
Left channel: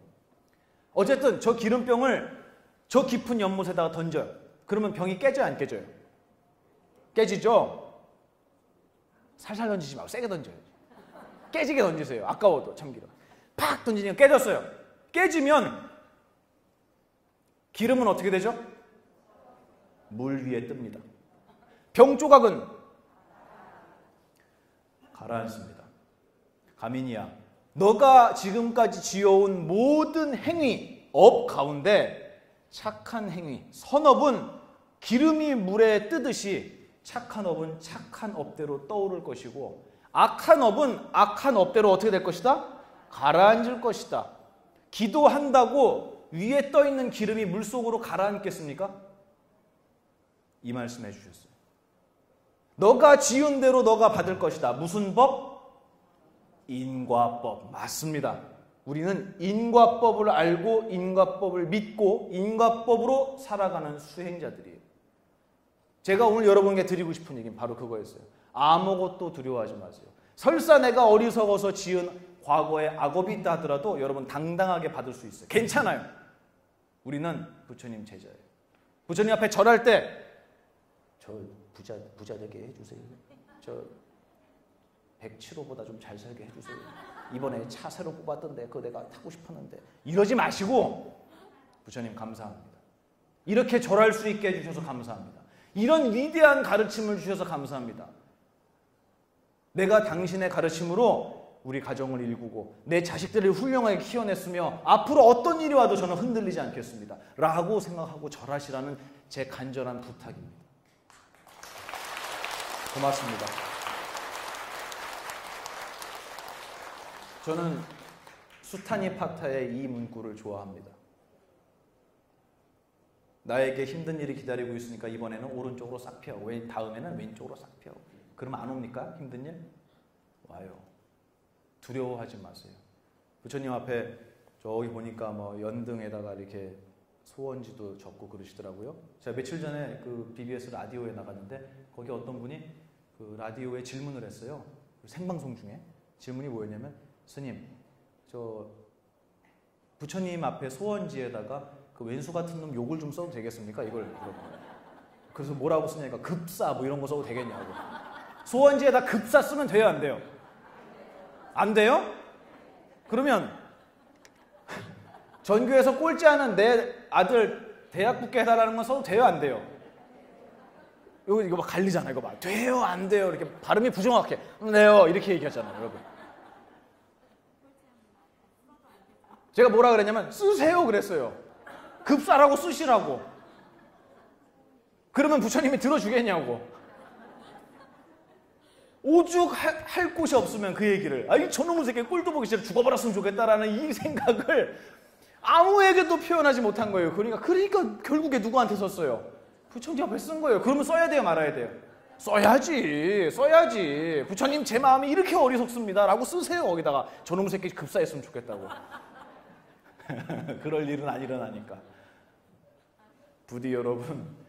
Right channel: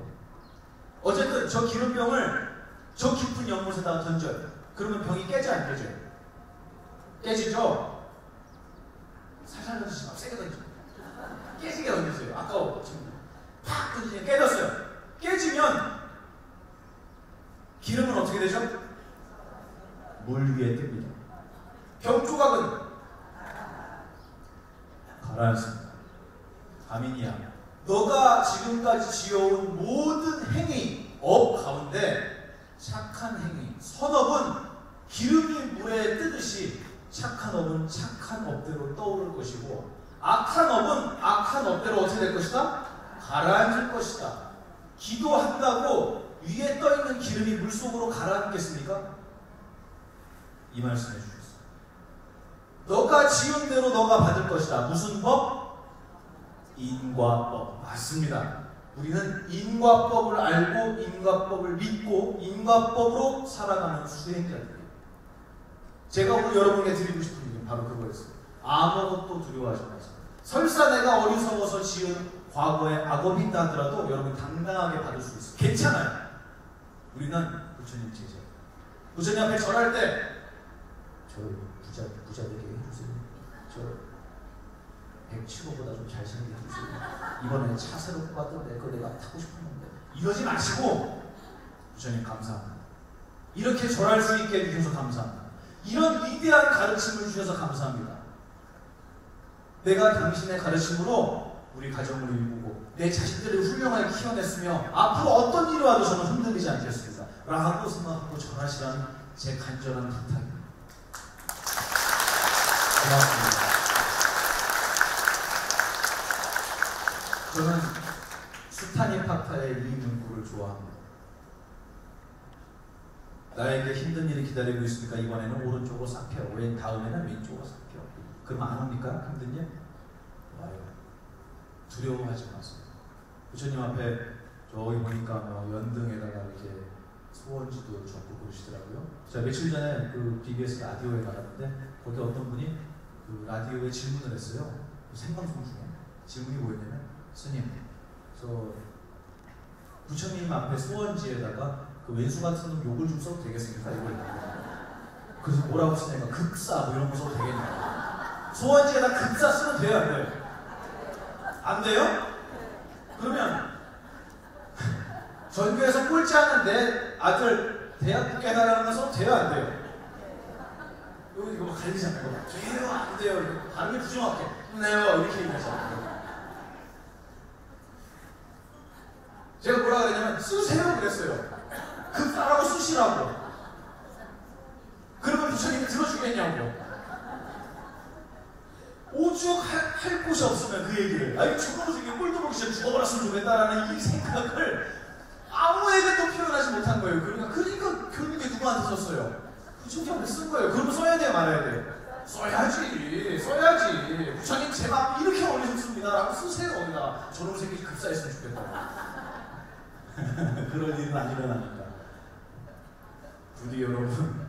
어쨌든 저 기름병을 저 깊은 연못에다가 던져요. 그러면 병이 깨져 안 깨져요? 깨지죠? 살살 던지지 말고 세게 던지고 깨지게 던지세요. 아까워. 팍 던지니까 깨졌어요. 깨지면 기름은 어떻게 되죠? 물 위에 뜹니다. 병 조각은 가라앉습니다. 가민이야, 너가 지금까지 지어온 모든 행위, 업 가운데 착한 행위, 선업은 기름이 물에 뜨듯이 착한 업은 착한 업대로 떠오를 것이고, 악한 업은 악한 업대로 어떻게 될 것이다? 가라앉을 것이다. 기도한다고 위에 떠있는 기름이 물속으로 가라앉겠습니까? 이 말씀해 주셨어요. 너가 지은 대로 너가 받을 것이다. 무슨 법? 인과법. 맞습니다. 우리는 인과법을 알고 인과법을 믿고 인과법으로 살아가는 수행자들이에요. 제가 오늘 여러분에게 드리고 싶은 얘기는 바로 그거였어요. 아무것도 두려워하지 마세요. 설사 내가 어리석어서 지은 과거에 악업이 있다 하더라도 여러분 당당하게 받을 수 있어요. 괜찮아요. 우리는 부처님 제자예요. 부처님 앞에 절할 때 저 부자에게 해주세요. 저 107호보다도 잘생겨 해주세요. 이번에는 차 새로 받았네. 그거 내가 타고 싶었는데. 이러지 마시고 부처님 감사합니다. 이렇게 절할 수 있게 해주셔서 감사합니다. 이런 위대한 가르침을 주셔서 감사합니다. 내가 당신의 가르침으로 우리 가정을 이루고 내 자식들을 훌륭하게 키워냈으며 앞으로 어떤 일이 와도 저는 흔들리지 않겠습니다. 라고 생각하고 절하시라는 제 간절한 부탁입니다. 고맙습니다. 저는 수타니 파타의 이 문구를 좋아합니다. 나에게 힘든 일이 기다리고 있으니까 이번에는 오른쪽으로 삭혀요. 왜 다음에는 왼쪽으로 삭혀요. 그러면 안 옵니까? 힘든 일? 두려워하지 마세요. 부처님 앞에 저기 보니까 연등에다가 이렇게 소원지도 적고 그러시더라고요. 제가 며칠 전에 그 BBS 라디오에 나갔는데 거기 어떤 분이 그 라디오에 질문을 했어요. 생방송 중에. 질문이 뭐였냐면, 스님, 저 부처님 앞에 소원지에다가 그 왼수 같은 욕을 좀 써도 되겠습니까? 이걸. 그래서 뭐라고 쓰니까 급사 뭐 이런 거 써도 되겠냐. 소원지에다 급사 쓰면 돼요, 안 돼요? 안 돼요? 그러면 전교에서 꼴찌하는 내 아들 대학 붙게해달라는 거 써도 돼요, 안 돼요? 이거 막 갈리잖아요. 이거 막 돼요, 안 돼요? 발음이 부정확해. 네요, 이렇게 얘기하잖아요. 제가 뭐라 그랬냐면 쓰세요 그랬어요. 급사라고 쓰시라고. 그러면 부처님이 들어주겠냐고. 오죽 할 곳이 없으면 그 얘기를, 아이 저놈의 새끼 꿀도 보기 싫어 죽어버렸으면 좋겠다라는 이 생각을 아무에게도 표현하지 못한 거예요. 그러니까 결국에 누구한테 썼어요? 부처님 앞에 쓴 거예요. 그거는 써야 돼요, 말아야 돼요? 써야지. 부처님 제 마음이 이렇게 어리석습니다 라고 쓰세요. 거기다가 저놈의 새끼 급사했으면 좋겠다고. 그럴 일은 안 일어나니까. 부디 여러분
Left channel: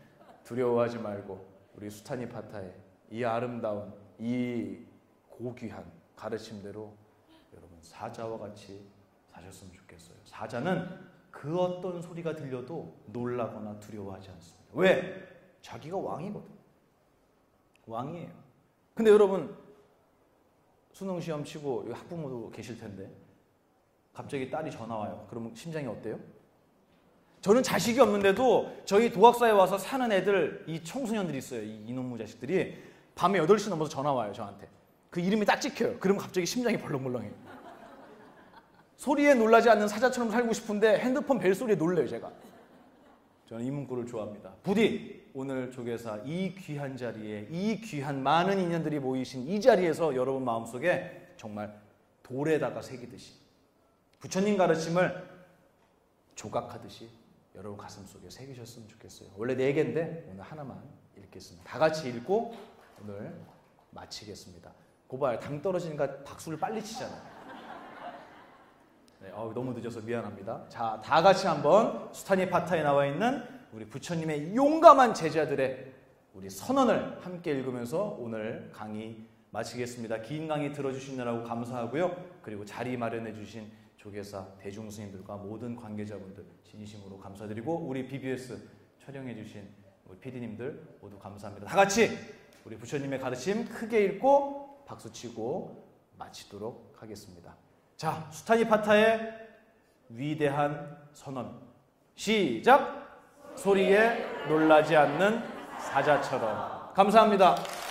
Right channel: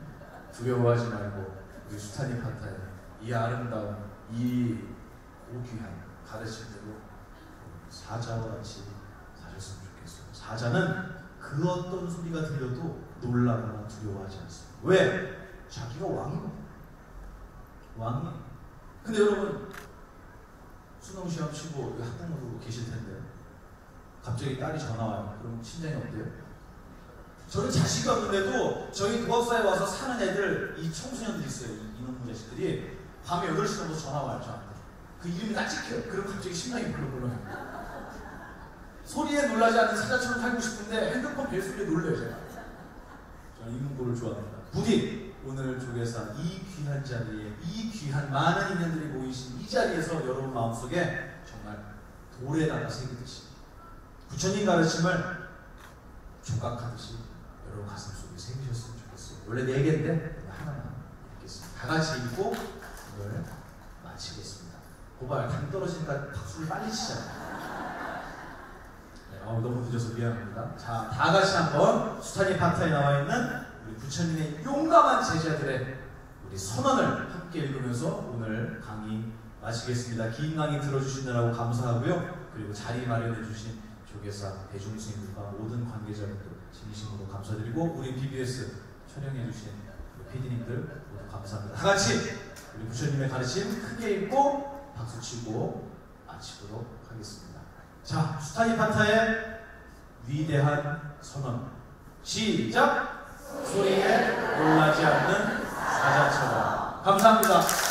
두려워하지 말고 우리 수사님 파타에 이 아름다운 이 고귀한 가르침대로 사자와 같이 살았으면 좋겠어요. 사자는 그 어떤 소리가 들려도 놀라거나 두려워하지 않습니다. 왜? 자기가 왕이에요. 근데 여러분 수능 시험 치고 학부모도 계실 텐데 갑자기 딸이 전화 와요. 그러면 심장이 어때요? 저는 자식이 없는데도 저희 도학사에 와서 사는 애들, 이 청소년들이 있어요. 이놈의 자식들이 밤에 8시 넘어서 전화 와요, 저한테. 그 이름이 딱 찍혀요. 그러면 갑자기 심장이 벌렁벌렁해요. 소리에 놀라지 않는 사자처럼 살고 싶은데 핸드폰 벨 소리에 놀라요, 제가. 저는 이 문구를 좋아합니다. 부디 오늘 조교사 이 귀한 자리에 이 귀한 많은 인연들이 모이신 이 자리에서 여러분 마음속에 정말 돌에다가 새기듯이 부처님 가르침을 조각하듯이 여러분 가슴 속에 새기셨으면 좋겠어요. 원래 4개인데 하나만 이렇게 다 같이 읽고 오늘 마치겠습니다. 고발 당 떨어진다 박수를 빨리 치잖아요. 너무 늦어서 미안합니다. 자, 다 같이 한번 수타니 파타에 나와 있는 우리 부처님의 용감한 제자들의 우리 선언을 함께 읽으면서 오늘 강의 마치겠습니다. 긴 강의 들어주시느라고 감사하고요. 그리고 자리 마련해 주신 조계사 대중생님과 모든 관계자분들 진심으로 감사드리고 우리 BBS 촬영해 주신 PD님들 모두 감사합니다. 다 같이 우리 부처님의 가르침 크게 읽고 박수 치고 마치도록 하겠습니다. 자, 수타니 파타의 위대한 선언 시작! 소리에 놀라지 않는 사자처럼. 감사합니다.